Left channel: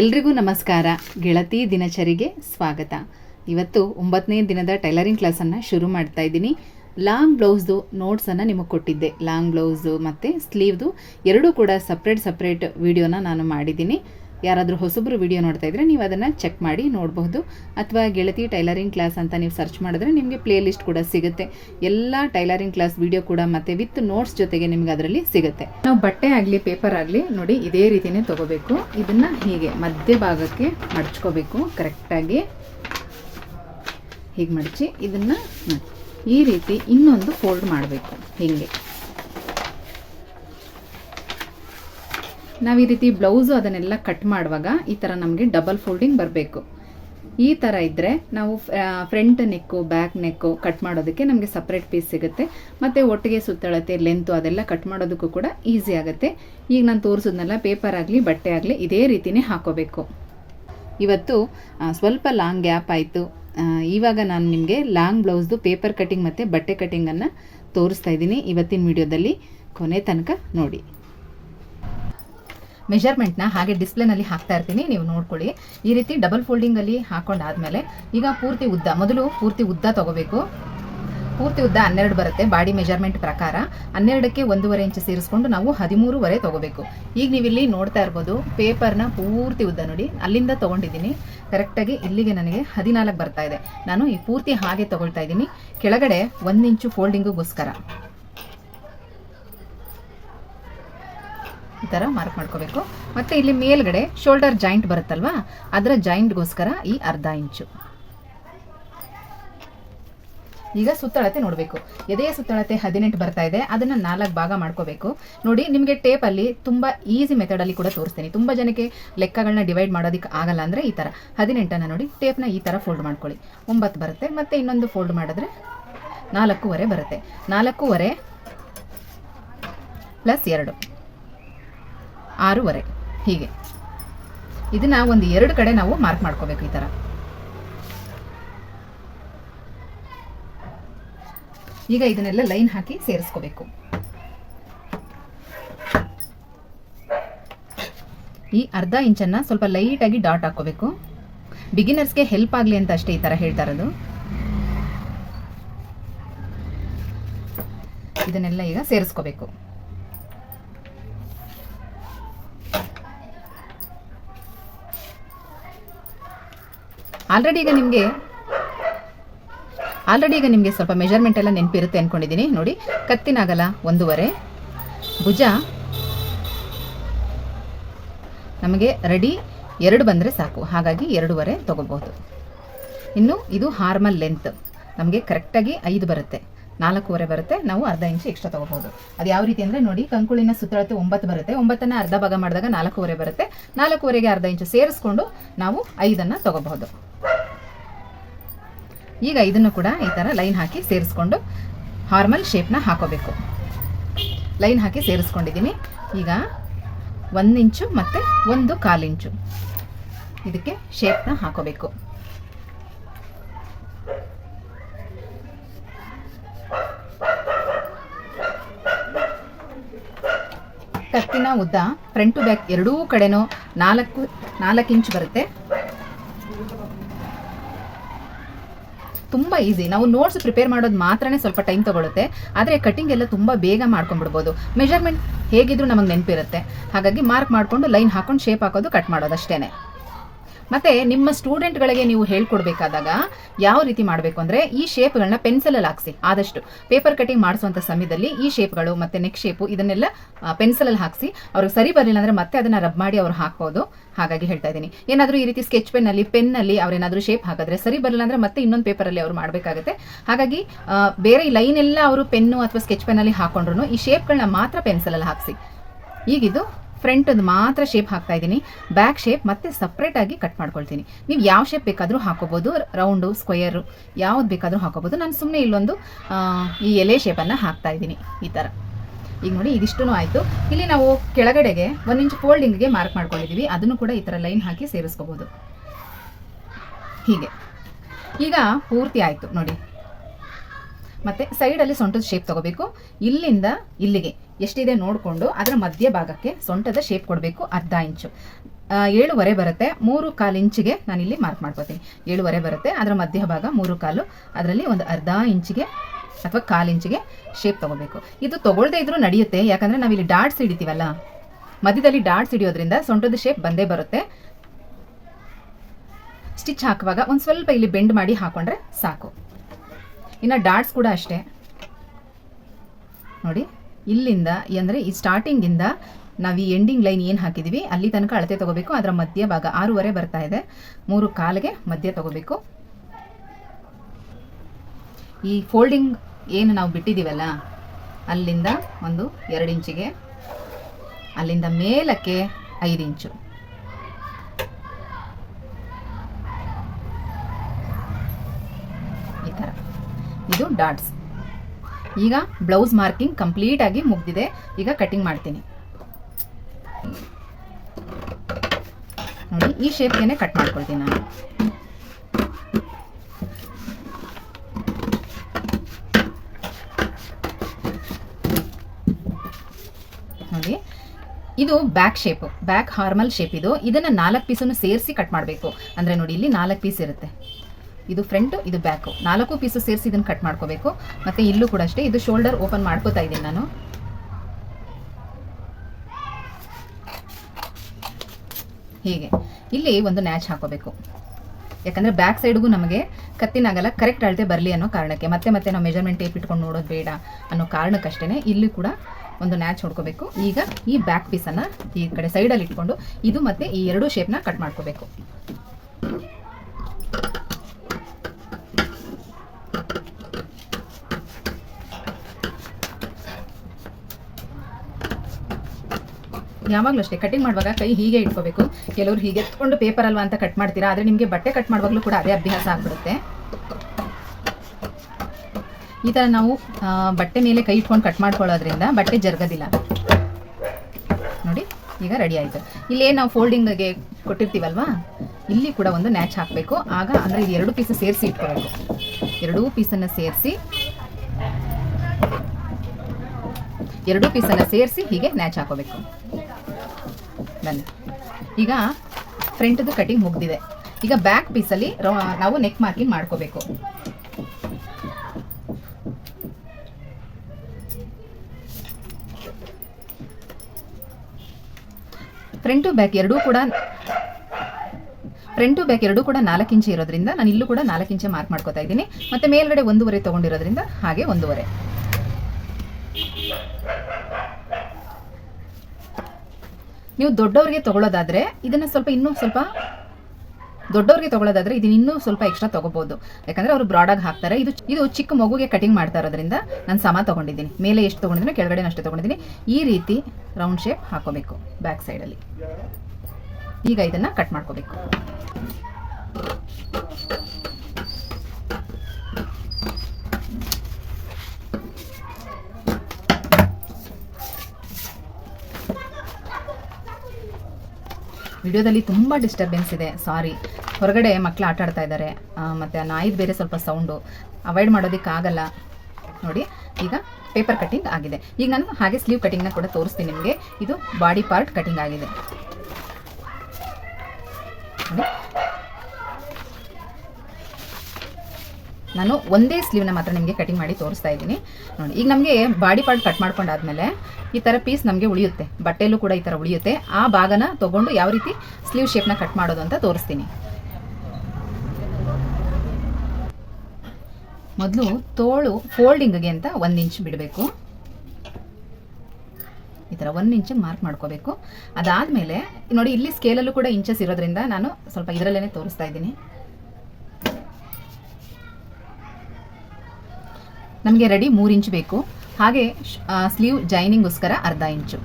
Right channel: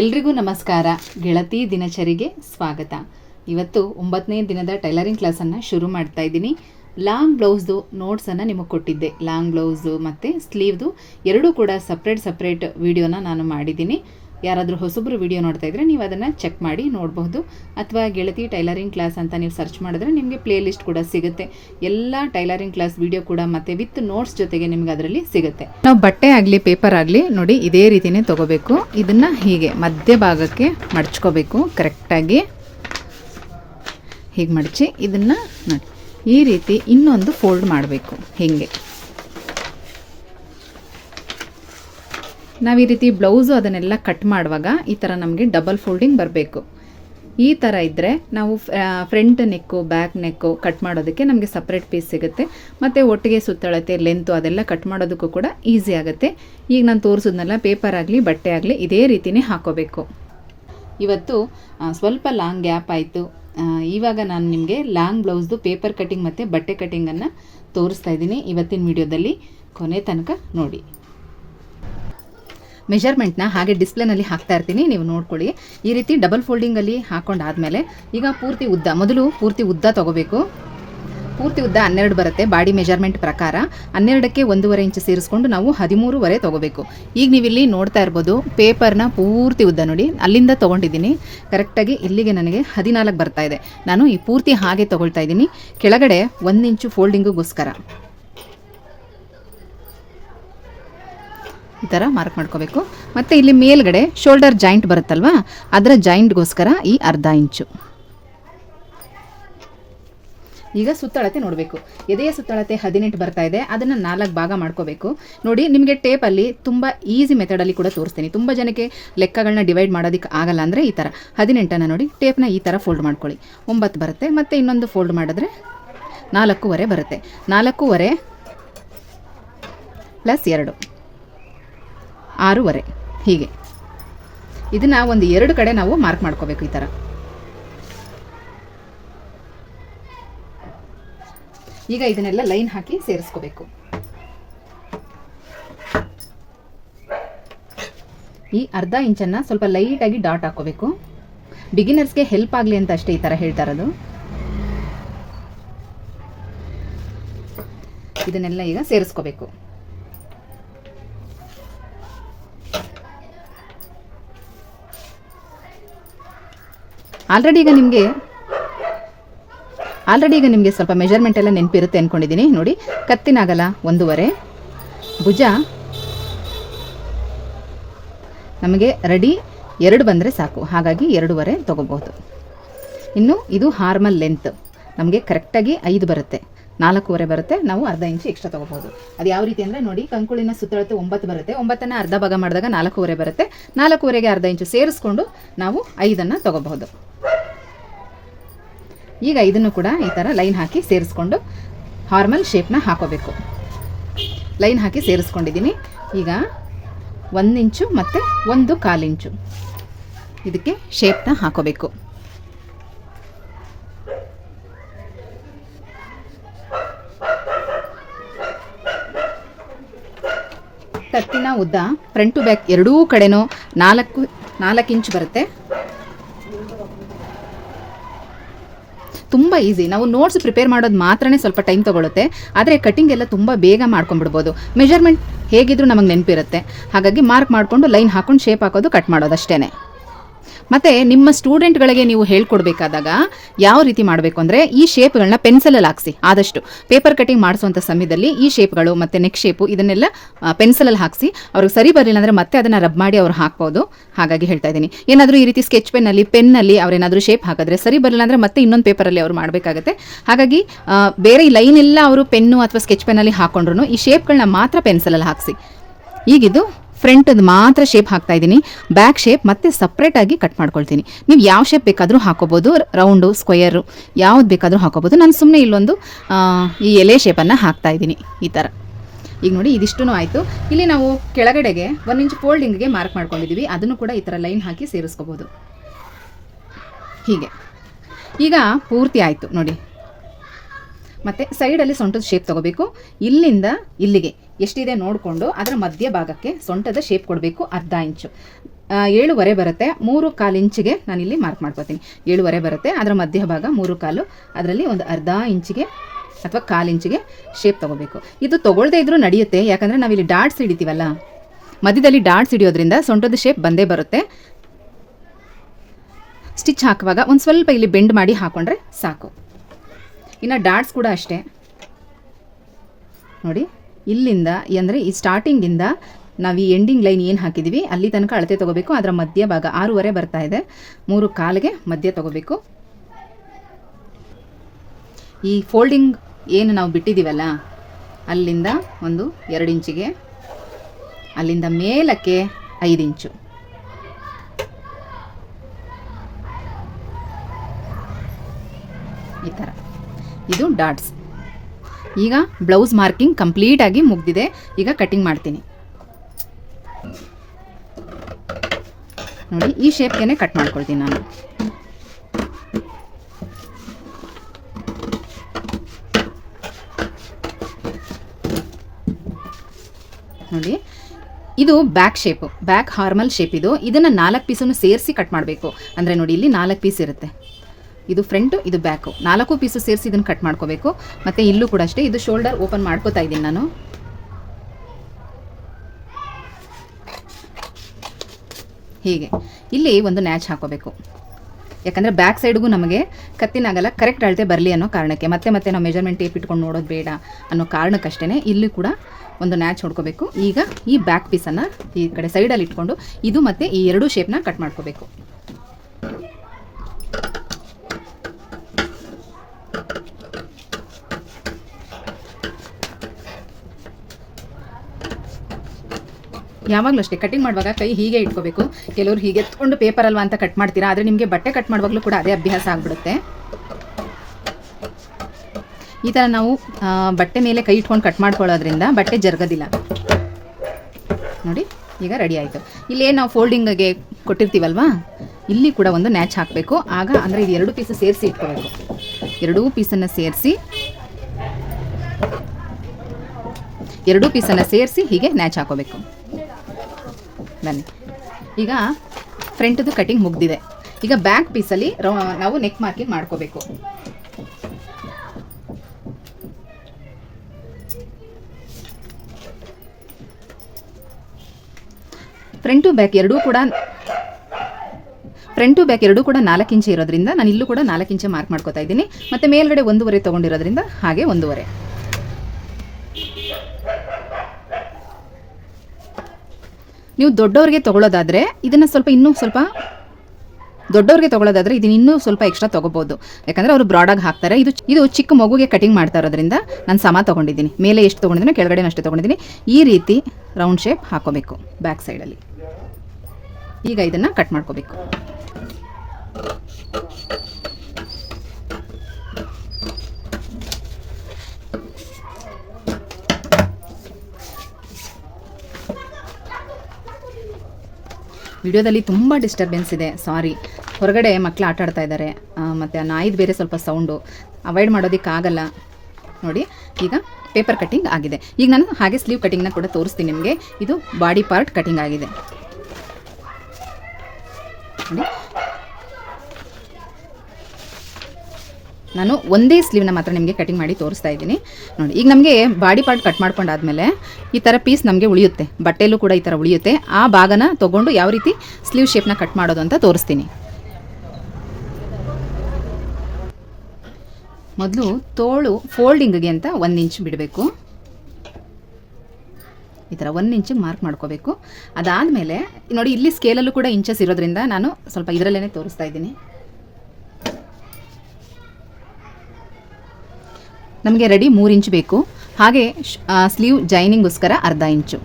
ಎಲ್ರಿಗೂ ನಮಸ್ಕಾರ. ಗೆಳತಿ ದಿನಚರಿಗೆ ಸ್ವಾಗತ. ಇವತ್ತು 9ನೇ ದಿನದ ಟೈಲರಿಂಗ್ ಕ್ಲಾಸನ್ನು ಶುರು ಮಾಡ್ತಾ ಇದ್ದೀನಿ. ಲಾಂಗ್ ಬ್ಲೌಸ್ದು ನೋಟ್ಸನ್ನು ನಿಮಗೆ ಕೊಟ್ಟಿದ್ದೆ. ಲಾಂಗ್ ಬ್ಲೌಸು ಮತ್ತು ಸ್ಲೀವ್ದು ಎರಡೂ ಕೂಡ ಸಪ್ರೇಟ್ ವಿಡಿಯೋನ ನಾನು ಮಾಡಿದ್ದೀನಿ. ಯಾರಾದರೂ ಹೊಸಬ್ರು ವಿಡಿಯೋ ನೋಡ್ತಾ ಇದ್ದರೆ ನೀವು ಅದನ್ನು ಚೆಕ್ ಮಾಡಿ ನೋಡಬಹುದು. ಅಥವಾ ಗೆಳತಿ ಟೈಲರಿಂಗ್ ಕ್ಲಾಸ್ ಅಂತ ನೀವು ಸರ್ಚ್ ಮಾಡಿದ್ರೆ ನಿಮಗೆ ಪ್ಲೇ ಲಿಸ್ಟ್ ಕೂಡ ಸಿಗುತ್ತೆ. ಎಲ್ಲ ಟೈಲರಿಂಗ್ ಕ್ಲಾಸ್ ವಿಡಿಯೋ ಕೂಡ ಮತ್ತು ವಿತ್ ನೋಟ್ಸ್ ಜೊತೆಗೆ ನಿಮ್ಗೆ ಅದರಲ್ಲಿ ಸಿಗುತ್ತೆ. ನಾವು ಬಟ್ಟೆ ಆಗಲಿ ಪೇಪರ್ ಆಗಲಿ ನೋಡಿ ಇದೇ ರೀತಿಯೇ ತೊಗೋಬೇಕು. ಇದನ್ನು ಹೀಗೆ ಮಧ್ಯ ಭಾಗಕ್ಕೆ ಮಡಚ್ಕೋಬೇಕು. ಕರೆಕ್ಟಾಗಿ ಹೀಗೆ ಮಡಚಿ ಇದನ್ನು ಈ ರೀತಿ ಇನ್ನೊಂದು ಫೋಲ್ಡ್ ಮಾಡಬೇಕು. ಹೀಗೆ ನಾವು ಈ ರೀತಿ ಬ್ಲೌಸು ಅದನ್ನೆಲ್ಲ ಕಟ್ ಮಾಡುವಾಗ ಈ ಥರ ನಮಗೆ ಡಬಲ್ ಫೋಲ್ಡಿಂಗ್ ಬರಬೇಕು. ಈ ಥರ ಇದ್ದರೆ ನಾವು ಫ್ರಂಟ್ ನೆಕ್ಕು ಬ್ಯಾಕ್ ನೆಕ್ಕು ಕಟ್ ಮಾಡೋದಕ್ಕೆ ನಮಗೆ ಸಪ್ರೇಟ್ ಪೀಸ್ ಸಿಗುತ್ತೆ. ಮತ್ತು ಒಟ್ಟಿಗೆ ಸುತ್ತಳತೆ ಲೆಂತು ಅದೆಲ್ಲ ಕಟ್ ಮಾಡೋದಕ್ಕೂ ಕೂಡ ಈಸಿ ಆಗುತ್ತೆ. ಈಗ ನಾನು ತೋರಿಸೋದ್ನೆಲ್ಲ ಪೇಪರ್ ಆಗಲಿ ಬಟ್ಟೆ ಆಗಲಿ ಇದೇ ರೀತಿಯೇ ಹಾಕೋಬೇಕು. ಇವತ್ತು ಸ್ವಲ್ಪ ಲಾಂಗ್ ಗ್ಯಾಪ್ ಆಯಿತು. ಇವಾಗ ನಾನು ನಿಮಗೆ ಲಾಂಗ್ ಬ್ಲೌಸ್ದು ಪೇಪರ್ ಕಟ್ಟಿಂಗ್ ಮತ್ತು ಬಟ್ಟೆ ಕಟ್ಟಿಂಗನ್ನು ತೋರಿಸ್ತಾ ಇದ್ದೀನಿ. ಇವತ್ತಿನ ವಿಡಿಯೋದಲ್ಲಿ ಕೊನೆ ತನಕ ನೋಡಿ. ಮೆಜರ್ಮೆಂಟ್ನ ಹಾಗೆ ಡಿಸ್ಪ್ಲೇನಲ್ಲಿ ಹಾಕ್ತಾ ಇರ್ತೀನಿ, ನೀವು ನೋಡ್ಕೊಳ್ಳಿ. ಈ ರೀತಿ ಡಬಲ್ ಫೋಲ್ಡಿಂಗಲ್ಲಿ ಹಾಕೊಂಡಾದಮೇಲೆ ಈಗ ಮೊದಲು ಪೂರ್ತಿ ಉದ್ದ ತೊಗೋಬೇಕು. ಪೂರ್ತಿ ಉದ್ದ 12 ಬರುತ್ತೆ ಬಾಡಿ ಮೆಜರ್ಮೆಂಟ್ ಪ್ರಕಾರ. 12ಕ್ಕೆ 1.5 ಇಂಚ್ ಸೇರಿಸ್ಕೊಂಡು ನಾವು 13.5 ತೊಗೋಬೇಕು. ಈಗ ನೀವಿಲ್ಲಿ ನೋಡ್ತಾ ಇರ್ಬೋದು ಪೇಪರ್ನ ಪೂರ್ತಿ ಉದ್ದ ನೋಡಿ, ಅಲ್ಲಿಂದ ತೊಗೊಂಡಿದ್ದೀನಿ. ಕರೆಕ್ಟಾಗಿ ಇಲ್ಲಿಗೆ ನನಗೆ 14 ಬರ್ತಾ ಇದೆ. ನಾನು ಈ ಪೂರ್ತಿ ಹಾಗೆ ತೊಗೊಳ್ತಾ ಇದ್ದೀನಿ. ಕೆಳಗಡೆ 1 ಇಂಚು ಫೋಲ್ಡಿಂಗಿಗೋಸ್ಕರ ಈ ಥರ ಮಾರ್ಕ್ ಮಾಡ್ಕೋಬೇಕು. ಮತ್ತು ಇಲ್ಲಿ ಮೇಲ್ಗಡೆ ಶೋಲ್ಡರ್ ಜಾಯಿಂಟ್ ಬರುತ್ತಲ್ವಾ, ಅದರ ಜಾಯಿಂಟ್ಗೋಸ್ಕರ ಈ 1/2 ಇಂಚು. ಈಗ ಸುತ್ತಳತೆ ನೋಡಬೇಕು. ಎದೆಯ ಸುತ್ತಳತೆ 18 ಬರ್ತಾ ಇದೆ. ಅದನ್ನು 4 ಭಾಗ ಮಾಡ್ಕೋಬೇಕು. ನೋಡಿ, ನಿಮಗೆ ಟೇಪಲ್ಲಿ ತುಂಬ ಈಸಿ ಮೆಥಡಲ್ಲಿ ಕೂಡ ತೋರಿಸ್ತೀನಿ. ತುಂಬ ಜನಕ್ಕೆ ಲೆಕ್ಕಗಳನ್ನ ಡಿವೈಡ್ ಮಾಡೋದಕ್ಕೆ ಆಗಲ್ಲ ಅಂದರೆ ಈ ಥರ 18ಅನ್ನು ನೋಡಿ ಟೇಪ್ನ ಈ ಥರ ಫೋಲ್ಡ್ ಮಾಡ್ಕೊಳ್ಳಿ. 9 ಬರುತ್ತೆ. ಮತ್ತು ಇನ್ನೊಂದು ಫೋಲ್ಡ್ ಮಾಡಿದ್ರೆ 4.25 ಬರುತ್ತೆ. 4.25 ಪ್ಲಸ್ 2 6.25. ಹೀಗೆ ಇದನ್ನು ಒಂದು 2 ಕಡೆ ನಾವು ಮಾರ್ಕ್ ಮಾಡ್ಕೋಬೇಕು. ಈ ಥರ ಈಗ ಇದನ್ನೆಲ್ಲ ಲೈನ್ ಹಾಕಿ ಸೇರಿಸ್ಕೋಬೇಕು. ಈ 1/2 ಇಂಚನ್ನು ಸ್ವಲ್ಪ ಲೈಟಾಗಿ ಡಾಟ್ ಹಾಕೋಬೇಕು. ಬಿಗಿನರ್ಸ್ಗೆ ಹೆಲ್ಪ್ ಆಗಲಿ ಅಂತ ಅಷ್ಟೇ ಈ ಥರ ಹೇಳ್ತಾ ಇರೋದು. ಇದನ್ನೆಲ್ಲ ಈಗ ಸೇರಿಸ್ಕೋಬೇಕು. ಆಲ್ರೆಡಿ ಈಗ ನಿಮಗೆ ಸ್ವಲ್ಪ ಮೆಜರ್ಮೆಂಟ್ ಎಲ್ಲ ನೆನಪಿರುತ್ತೆ ಅಂದ್ಕೊಂಡಿದ್ದೀನಿ. ನೋಡಿ, ಕತ್ತಿನಾಗಲ್ಲ 1.5, ಭುಜ ನಮಗೆ ರೆಡಿ 2 ಬಂದರೆ ಸಾಕು. ಹಾಗಾಗಿ 2.5 ತೊಗೋಬಹುದು. ಇನ್ನು ಇದು ಹಾರ್ಮಲ್ ಲೆಂತ್ ನಮಗೆ ಕರೆಕ್ಟಾಗಿ 5 ಬರುತ್ತೆ. 4.25 ಬರುತ್ತೆ. ನಾವು 1/2 ಇಂಚು ಎಕ್ಸ್ಟ್ರಾ ತೊಗೋಬಹುದು. ಅದು ಯಾವ ರೀತಿ ಅಂದರೆ ನೋಡಿ, ಕಂಕುಳಿನ ಸುತ್ತಳತೆ 9 ಬರುತ್ತೆ. 9ಅನ್ನು ಅರ್ಧ ಭಾಗ ಮಾಡಿದಾಗ 4.25 ಬರುತ್ತೆ. 4.25ಗೆ 1/2 ಇಂಚು ಸೇರಿಸ್ಕೊಂಡು ನಾವು 5ಅನ್ನು ತೊಗೋಬಹುದು. ಈಗ ಇದನ್ನು ಕೂಡ ಈ ಥರ ಲೈನ್ ಹಾಕಿ ಸೇರಿಸ್ಕೊಂಡು ಹಾರ್ಮಲ್ ಶೇಪ್ನ ಹಾಕೋಬೇಕು. ಲೈನ್ ಹಾಕಿ ಸೇರಿಸ್ಕೊಂಡಿದ್ದೀನಿ. ಈಗ 1 ಇಂಚು ಮತ್ತು 1/4 ಇಂಚು ಇದಕ್ಕೆ ಶೇಪ್ನ ಹಾಕೋಬೇಕು. ಕತ್ತಿನ ಉದ್ದ ಫ್ರಂಟ್ ಟು ಬ್ಯಾಕ್ ಎರಡೂ ಕಡೆನೂ 4 ಇಂಚ್ ಬರುತ್ತೆ. ತುಂಬ ಈಸಿ. ನಾವು ನೋಟ್ಸ್ ಪ್ರಿಪೇರ್ ಮಾಡೋದು ಮಾತ್ರನೇ ಸ್ವಲ್ಪ ಟೈಮ್ ತೊಗೊಳುತ್ತೆ. ಆದರೆ ಕಟಿಂಗ್ ಎಲ್ಲ ತುಂಬ ಬೇಗ ಮಾಡ್ಕೊಂಡ್ಬಿಡ್ಬೋದು. ಮೆಜರ್ಮೆಂಟ್ ಹೇಗಿದ್ರೂ ನಮಗೆ ನೆನಪಿರುತ್ತೆ. ಹಾಗಾಗಿ ಮಾರ್ಕ್ ಮಾಡಿಕೊಂಡು ಲೈನ್ ಹಾಕೊಂಡು ಶೇಪ್ ಹಾಕೋದು, ಕಟ್ ಮಾಡೋದು ಅಷ್ಟೇ. ಮತ್ತು ನಿಮ್ಮ ಸ್ಟೂಡೆಂಟ್ಗಳಿಗೆ ನೀವು ಹೇಳ್ಕೊಡ್ಬೇಕಾದಾಗ ಯಾವ ರೀತಿ ಮಾಡಬೇಕು ಅಂದರೆ ಈ ಶೇಪ್ಗಳನ್ನ ಪೆನ್ಸಿಲಲ್ಲಿ ಹಾಕಿಸಿ. ಆದಷ್ಟು ಪೇಪರ್ ಕಟಿಂಗ್ ಮಾಡಿಸುವಂಥ ಸಮಯದಲ್ಲಿ ಈ ಶೇಪ್ಗಳು ಮತ್ತು ನೆಕ್ ಶೇಪು ಇದನ್ನೆಲ್ಲ ಪೆನ್ಸಿಲಲ್ಲಿ ಹಾಕಿಸಿ. ಅವ್ರಿಗೆ ಸರಿ ಬರಲಿಲ್ಲ ಅಂದರೆ ಮತ್ತೆ ಅದನ್ನು ರಬ್ ಮಾಡಿ ಅವ್ರು ಹಾಕ್ಬೋದು. ಹಾಗಾಗಿ ಹೇಳ್ತಾ ಇದ್ದೀನಿ. ಏನಾದರೂ ಈ ರೀತಿ ಸ್ಕೆಚ್ ಪೆನ್ನಲ್ಲಿ ಅವ್ರೇನಾದರೂ ಶೇಪ್ ಹಾಕಿದ್ರೆ ಸರಿ ಬರಲಿಲ್ಲ ಅಂದರೆ ಮತ್ತೆ ಇನ್ನೊಂದು ಪೇಪರಲ್ಲಿ ಅವ್ರು ಮಾಡಬೇಕಾಗುತ್ತೆ. ಹಾಗಾಗಿ ಬೇರೆ ಈ ಲೈನ್ ಎಲ್ಲ ಅವರು ಪೆನ್ನು ಅಥವಾ ಸ್ಕೆಚ್ ಪೆನ್ನಲ್ಲಿ ಹಾಕೊಂಡ್ರು ಈ ಶೇಪ್ಗಳನ್ನ ಮಾತ್ರ ಪೆನ್ಸಿಲಲ್ಲಿ ಹಾಕಿಸಿ. ಈಗಿದು ಫ್ರಂಟದು ಮಾತ್ರ ಶೇಪ್ ಹಾಕ್ತಾ ಇದ್ದೀನಿ. ಬ್ಯಾಕ್ ಶೇಪ್ ಮತ್ತೆ ಸಪ್ರೇಟಾಗಿ ಕಟ್ ಮಾಡ್ಕೊಳ್ತೀನಿ. ನೀವು ಯಾವ ಶೇಪ್ ಬೇಕಾದರೂ ಹಾಕೋಬೋದು. ರೌಂಡು, ಸ್ಕ್ವಯರು ಯಾವ್ದು ಬೇಕಾದರೂ ಹಾಕೋಬೋದು. ನಾನು ಸುಮ್ಮನೆ ಇಲ್ಲೊಂದು ಈ ಎಲೆ ಶೇಪನ್ನು ಹಾಕ್ತಾ ಇದ್ದೀನಿ ಈ ಥರ. ಈಗ ನೋಡಿ, ಇದಿಷ್ಟೂ ಆಯಿತು. ಇಲ್ಲಿ ನಾವು ಕೆಳಗಡೆಗೆ 1 ಇಂಚ್ ಫೋಲ್ಡಿಂಗ್ಗೆ ಮಾರ್ಕ್ ಮಾಡ್ಕೊಂಡಿದ್ದೀವಿ. ಅದನ್ನು ಕೂಡ ಈ ಥರ ಲೈನ್ ಹಾಕಿ ಸೇರಿಸ್ಕೋಬೋದು. ಹೀಗೆ ಈಗ ಪೂರ್ತಿ ಆಯಿತು ನೋಡಿ. ಮತ್ತು ಸೈಡಲ್ಲಿ ಸೊಂಟದ ಶೇಪ್ ತೊಗೋಬೇಕು. ಇಲ್ಲಿಂದ ಇಲ್ಲಿಗೆ ಎಷ್ಟಿದೆ ನೋಡಿಕೊಂಡು ಅದರ ಮಧ್ಯ ಭಾಗಕ್ಕೆ ಸೊಂಟದ ಶೇಪ್ ಕೊಡಬೇಕು. 1/2 ಇಂಚು 7.25 ಬರುತ್ತೆ. 3/4 ಇಂಚಿಗೆ ನಾನಿಲ್ಲಿ ಮಾರ್ಕ್ ಮಾಡ್ಕೋತೀನಿ. 7.25 ಬರುತ್ತೆ, ಅದರ ಮಧ್ಯಭಾಗ 3/4, ಅದರಲ್ಲಿ ಒಂದು ಅರ್ಧ ಇಂಚಿಗೆ ಅಥವಾ 1/4 ಇಂಚಿಗೆ ಶೇಪ್ ತೊಗೋಬೇಕು. ಇದು ತೊಗೊಳ್ದೇ ಇದ್ರೂ ನಡೆಯುತ್ತೆ, ಯಾಕಂದರೆ ನಾವಿಲ್ಲಿ ಡಾಟ್ಸ್ ಹಿಡಿತೀವಲ್ಲ, ಮಧ್ಯದಲ್ಲಿ ಡಾಟ್ಸ್ ಹಿಡಿಯೋದ್ರಿಂದ ಸೊಂಟದ ಶೇಪ್ ಬಂದೇ ಬರುತ್ತೆ. ಸ್ಟಿಚ್ ಹಾಕುವಾಗ ಒಂದು ಸ್ವಲ್ಪ ಇಲ್ಲಿ ಬೆಂಡ್ ಮಾಡಿ ಹಾಕೊಂಡ್ರೆ ಸಾಕು. ಇನ್ನು ಡಾಟ್ಸ್ ಕೂಡ ಅಷ್ಟೇ ನೋಡಿ, ಇಲ್ಲಿಂದ ಅಂದರೆ ಈ ಸ್ಟಾರ್ಟಿಂಗಿಂದ ನಾವು ಈ ಎಂಡಿಂಗ್ ಲೈನ್ ಏನು ಹಾಕಿದ್ದೀವಿ ಅಲ್ಲಿ ತನಕ ಅಳತೆ ತೊಗೋಬೇಕು. ಅದರ ಮಧ್ಯ ಭಾಗ 6.25 ಬರ್ತಾ ಇದೆ, 3/4ಗೆ ಮಧ್ಯ ತೊಗೋಬೇಕು. ಈ ಫೋಲ್ಡಿಂಗ್ ಏನು ನಾವು ಬಿಟ್ಟಿದ್ದೀವಲ್ಲ ಅಲ್ಲಿಂದ ಒಂದು 2 ಇಂಚಿಗೆ, ಅಲ್ಲಿಂದ ಮೇಲಕ್ಕೆ 5 ಇಂಚು, ಈ ಥರ. ಇದು ಡಾಟ್ಸ್. ಈಗ ಬ್ಲೌಸ್ ಮಾರ್ಕಿಂಗ್ ಕಂಪ್ಲೀಟ್ ಆಗಿ ಮುಗ್ದಿದೆ. ಈಗ ಕಟಿಂಗ್ ಮಾಡ್ತೀನಿ ನೋಡಿ. ಈ ಶೇಪ್ಗೆ ಕಟ್ ಮಾಡ್ಕೊಳ್ತೀನಿ ನಾನು. ನೋಡಿ, ಇದು ಬ್ಯಾಕ್ ಶೇಪ್, ಬ್ಯಾಕ್ ಹಾರ್ಮಲ್ ಶೇಪ್. ಇದನ್ನು 4 ಪೀಸನ್ನು ಸೇರಿಸಿ ಕಟ್ ಮಾಡಬೇಕು. ಅಂದರೆ ನೋಡಿ, ಇಲ್ಲಿ 4 ಪೀಸ್ ಇರುತ್ತೆ. ಇದು ಫ್ರಂಟು, ಇದು ಬ್ಯಾಕು, 4 ಪೀಸು ಸೇರಿಸಿ ಇದನ್ನು ಕಟ್ ಮಾಡ್ಕೋಬೇಕು. ಮತ್ತು ಇಲ್ಲೂ ಕೂಡ ಅಷ್ಟೇ. ಇದು ಶೋಲ್ಡರ್ ಓಪನ್ ಮಾಡ್ಕೋತಾ ಇದ್ದೀನಿ ನಾನು. ಹೀಗೆ ಇಲ್ಲಿ ಒಂದು ನ್ಯಾಚ್ ಹಾಕೋಬೇಕು, ಯಾಕಂದರೆ ಬ್ಯಾಕ್ ಸೈಡ್ಗೂ ನಮಗೆ ಕತ್ತಿನಾಗಲ್ಲ ಕರೆಕ್ಟ್ ಅಳತೆ ಬರಲಿ ಅನ್ನೋ ಕಾರಣಕ್ಕೆ. ಮತ್ತೆ ನಾವು ಮೆಜರ್ಮೆಂಟ್ ಟೇಪ್ ಇಟ್ಕೊಂಡು ನೋಡೋದು ಬೇಡ ಅನ್ನೋ ಕಾರಣಕ್ಕಷ್ಟೇ ಇಲ್ಲಿ ಕೂಡ ಒಂದು ನ್ಯಾಚ್ ಹೊಡ್ಕೋಬೇಕು. ಈಗ ಈ ಬ್ಯಾಕ್ ಪೀಸನ್ನು ಈ ಕಡೆ ಸೈಡಲ್ಲಿ ಇಟ್ಕೊಂಡು ಇದು ಮತ್ತು ಈ 2 ಶೇಪ್ನ ಕಟ್ ಮಾಡ್ಕೋಬೇಕು. ಯಾವಾಗಲೂ ಅಷ್ಟೇ ಕಟಿಂಗ್ ಮಾಡುವಾಗ ಕೈ ಹೀಗೆ ಇಟ್ಕೋಬೇಕು. ಕೆಲವರು ಹೀಗೆ ಎತ್ಕೊಂಡು ಪೇಪರ್ ಅಲ್ವಾ ಅಂತ ಕಟ್ ಮಾಡ್ತೀರಾ, ಆದರೆ ನಿಮಗೆ ಬಟ್ಟೆ ಕಟ್ ಮಾಡುವಾಗಲೂ ಕೂಡ ಅದೇ ಅಭ್ಯಾಸ ಆಗಿಬಿಡುತ್ತೆ. ಈ ಥರ ನಾವು ಬಟ್ಟೆ ಮೇಲೆ ಕೈ ಇಟ್ಕೊಂಡು ಕಟ್ ಮಾಡ್ಕೊಳ್ಳೋದ್ರಿಂದ ಬಟ್ಟೆ ಜರುಗೋದಿಲ್ಲ. ನೋಡಿ, ಈಗ ರೆಡಿ ಆಯಿತು. ಇಲ್ಲೇನು ನಾವು ಫೋಲ್ಡಿಂಗ್ಗೆ ಕೊಟ್ಟಿರ್ತೀವಲ್ವಾ, ಇಲ್ಲಿ ಕೂಡ ಒಂದು ನ್ಯಾಚ್ ಹಾಕಬೇಕು. ಆಗ ಅಂದರೆ ಇದು 2 ಪೀಸ್ ಸೇರಿಸಿ ಇಟ್ಕೋಬೇಕು. 2 ಪೀಸನ್ನು ಸೇರಿಸಿ ಹೀಗೆ ನ್ಯಾಚ್ ಹಾಕೋಬೇಕು. ಬನ್ನಿ, ಈಗ ಫ್ರಂಟ್ದು ಕಟಿಂಗ್ ಮುಗ್ದಿದೆ. ಈಗ ಬ್ಯಾಕ್ ಪೀಸಲ್ಲಿ ನಾವು ನೆಕ್ ಮಾರ್ಕಿಂಗ್ ಮಾಡ್ಕೋಬೇಕು. ಫ್ರಂಟು ಬ್ಯಾಕ್ ಎರಡೂ ಕೂಡ 4 ಇಂಚ್ ಇರೋದ್ರಿಂದ ನಾನು ಇಲ್ಲೂ ಕೂಡ 4 ಇಂಚ್ ಮಾರ್ಕ್ ಮಾಡ್ಕೋತಾ ಇದ್ದೀನಿ. ಮತ್ತು ಮೇಲ್ಗಡೆ 1.5 ತೊಗೊಂಡಿರೋದ್ರಿಂದ ಹಾಗೆ 1.5. ನೀವು ದೊಡ್ಡವ್ರಿಗೆ ತೊಗೊಳ್ಳೋದಾದರೆ ಇದನ್ನು ಇನ್ನೂ ಸ್ವಲ್ಪ ಎಕ್ಸ್ಟ್ರಾ ತೊಗೋಬೋದು, ಯಾಕಂದರೆ ಅವರು ಬ್ರಾಡಾಗಿ ಹಾಕ್ತಾರೆ. ಇದು ಚಿಕ್ಕ ಮಗುಗೆ ಕಟಿಂಗ್ ಮಾಡ್ತಾ ಇರೋದ್ರಿಂದ ನಾನು ಸಮ ತೊಗೊಂಡಿದ್ದೀನಿ. ಮೇಲೆ ಎಷ್ಟು ತೊಗೊಂಡಿದ್ದೀನಿ, ಕೆಳಗಡೆ ಅಷ್ಟೇ ತೊಗೊಂಡಿದ್ದೀನಿ. ಈ ರೀತಿ ರೌಂಡ್ ಶೇಪ್ ಹಾಕೋಬೇಕು ಬ್ಯಾಕ್ ಸೈಡಲ್ಲಿ. ಈಗ ಇದನ್ನು ಕಟ್ ಮಾಡ್ಕೋಬೇಕು. ವಿಡಿಯೋದಲ್ಲಿ ತುಂಬ ಡಿಸ್ಟರ್ಬೆನ್ಸ್ ಇದೆ, ಸಾರಿ. ಹೊರಗಡೆ ಮಕ್ಕಳು ಆಟ ಆಡ್ತಾ ಇದ್ದಾರೆ, ಮತ್ತು ನಾಯಿದು ಬೇರೆ ಸ್ವಲ್ಪ ಸೌಂಡು ಅವಾಯ್ಡ್ ಮಾಡೋದಕ್ಕಾಗಲ್ಲ. ನೋಡಿ, ಈಗ ಪೇಪರ್ ಕಟಿಂಗ್ ಆಗಿದೆ. ಈಗ ನಾನು ಹಾಗೆ ಸ್ಲೀವ್ ಕಟಿಂಗ್ನ ಕೂಡ ತೋರಿಸ್ತೀನಿ ನಿಮಗೆ. ಇದು ಬಾಡಿ ಪಾರ್ಟ್ ಕಟಿಂಗ್ ಆಗಿದೆ ನೋಡಿ. ನಾನು ಒಂದೇ ಸ್ಲೀವ್ನ ಮಾತ್ರ ನಿಮಗೆ ಕಟಿಂಗ್ ಮಾಡಿ ತೋರಿಸ್ತಾ ಇದ್ದೀನಿ ನೋಡಿ. ಈಗ ನಮಗೆ ಬಾಡಿ ಪಾರ್ಟ್ ಕಟ್ ಮಾಡ್ಕೊಂಡಾದ್ಮೇಲೆ ಈ ಥರ ಪೀಸ್ ನಮಗೆ ಉಳಿಯುತ್ತೆ, ಬಟ್ಟೆಯಲ್ಲೂ ಕೂಡ ಈ ಥರ ಉಳಿಯುತ್ತೆ. ಆ ಭಾಗನ ತೊಗೊಂಡು ಯಾವ ರೀತಿ ಸ್ಲೀವ್ ಶೇಪ್ನ ಕಟ್ ಮಾಡೋದು ಅಂತ ತೋರಿಸ್ತೀನಿ. ಮೊದಲು ತೋಳು ಫೋಲ್ಡಿಂಗ್ಗೆ ಅಂತ 1 ಇಂಚ್ ಬಿಡಬೇಕು. ಈ ಥರ 1 ಇಂಚಿಗೆ ಮಾರ್ಕ್ ಮಾಡ್ಕೋಬೇಕು. ಅದಾದಮೇಲೆ ನೋಡಿ, ಇಲ್ಲಿ ಸ್ಕೇಲಲ್ಲೂ ಕೂಡ ಇಂಚಸ್ ಇರೋದ್ರಿಂದ ನಾನು ಸ್ವಲ್ಪ ಇದರಲ್ಲೇ ತೋರಿಸ್ತಾ ಇದ್ದೀನಿ. ನಮಗೆ ರೆಡಿ 3 ಇಂಚ್ ಬೇಕು. ಹಾಗೆ ಸ್ಲೀವ್ ಜೈನಿಂಗ್ಗೋಸ್ಕರ ಅರ್ಧ ಇಂಚು,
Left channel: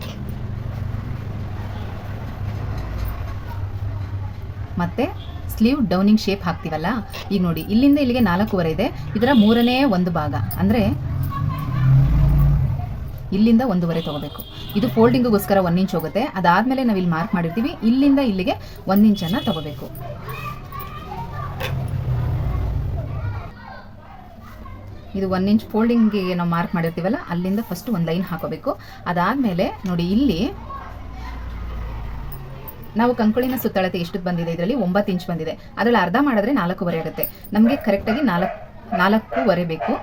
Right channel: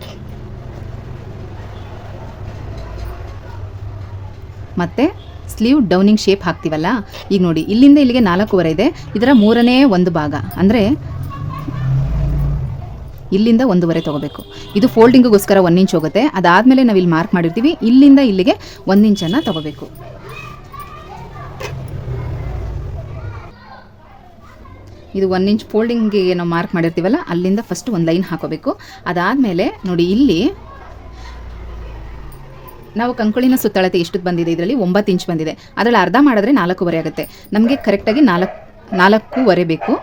ಮತ್ತು ಸ್ಲೀವ್ ಡೌನಿಂಗ್ ಶೇಪ್ ಹಾಕ್ತೀವಲ್ಲ, ಈಗ ನೋಡಿ ಇಲ್ಲಿಂದ ಇಲ್ಲಿಗೆ 4.25 ಇದೆ. ಇದರ 3ನೇ 1 ಭಾಗ ಅಂದರೆ ಇಲ್ಲಿಂದ 1.5 ತೊಗೋಬೇಕು. ಇದು ಫೋಲ್ಡಿಂಗ್ಗೋಸ್ಕರ 1 ಇಂಚ್ ಹೋಗುತ್ತೆ. ಅದಾದಮೇಲೆ ನಾವು ಇಲ್ಲಿ ಮಾರ್ಕ್ ಮಾಡಿರ್ತೀವಿ, ಇಲ್ಲಿಂದ ಇಲ್ಲಿಗೆ 1 ಇಂಚನ್ನು ತೊಗೋಬೇಕು. ಇದು 1 ಇಂಚ್ ಫೋಲ್ಡಿಂಗ್ಗೆ ನಾವು ಮಾರ್ಕ್ ಮಾಡಿರ್ತೀವಲ್ಲ, ಅಲ್ಲಿಂದ ಫಸ್ಟ್ ಒಂದು ಲೈನ್ ಹಾಕೋಬೇಕು. ಅದಾದಮೇಲೆ ನೋಡಿ, ಇಲ್ಲಿ ನಾವು ಕಂಕುಳಿನ ಸುತ್ತಳತೆ ಎಷ್ಟು ಬಂದಿದೆ, ಇದರಲ್ಲಿ 9 ಇಂಚ್ ಬಂದಿದೆ. ಅದರಲ್ಲಿ ಅರ್ಧ ಮಾಡಿದ್ರೆ 4.5 ಆಗುತ್ತೆ. ನಮಗೆ ಕರೆಕ್ಟಾಗಿ 4.5 ಬೇಕು.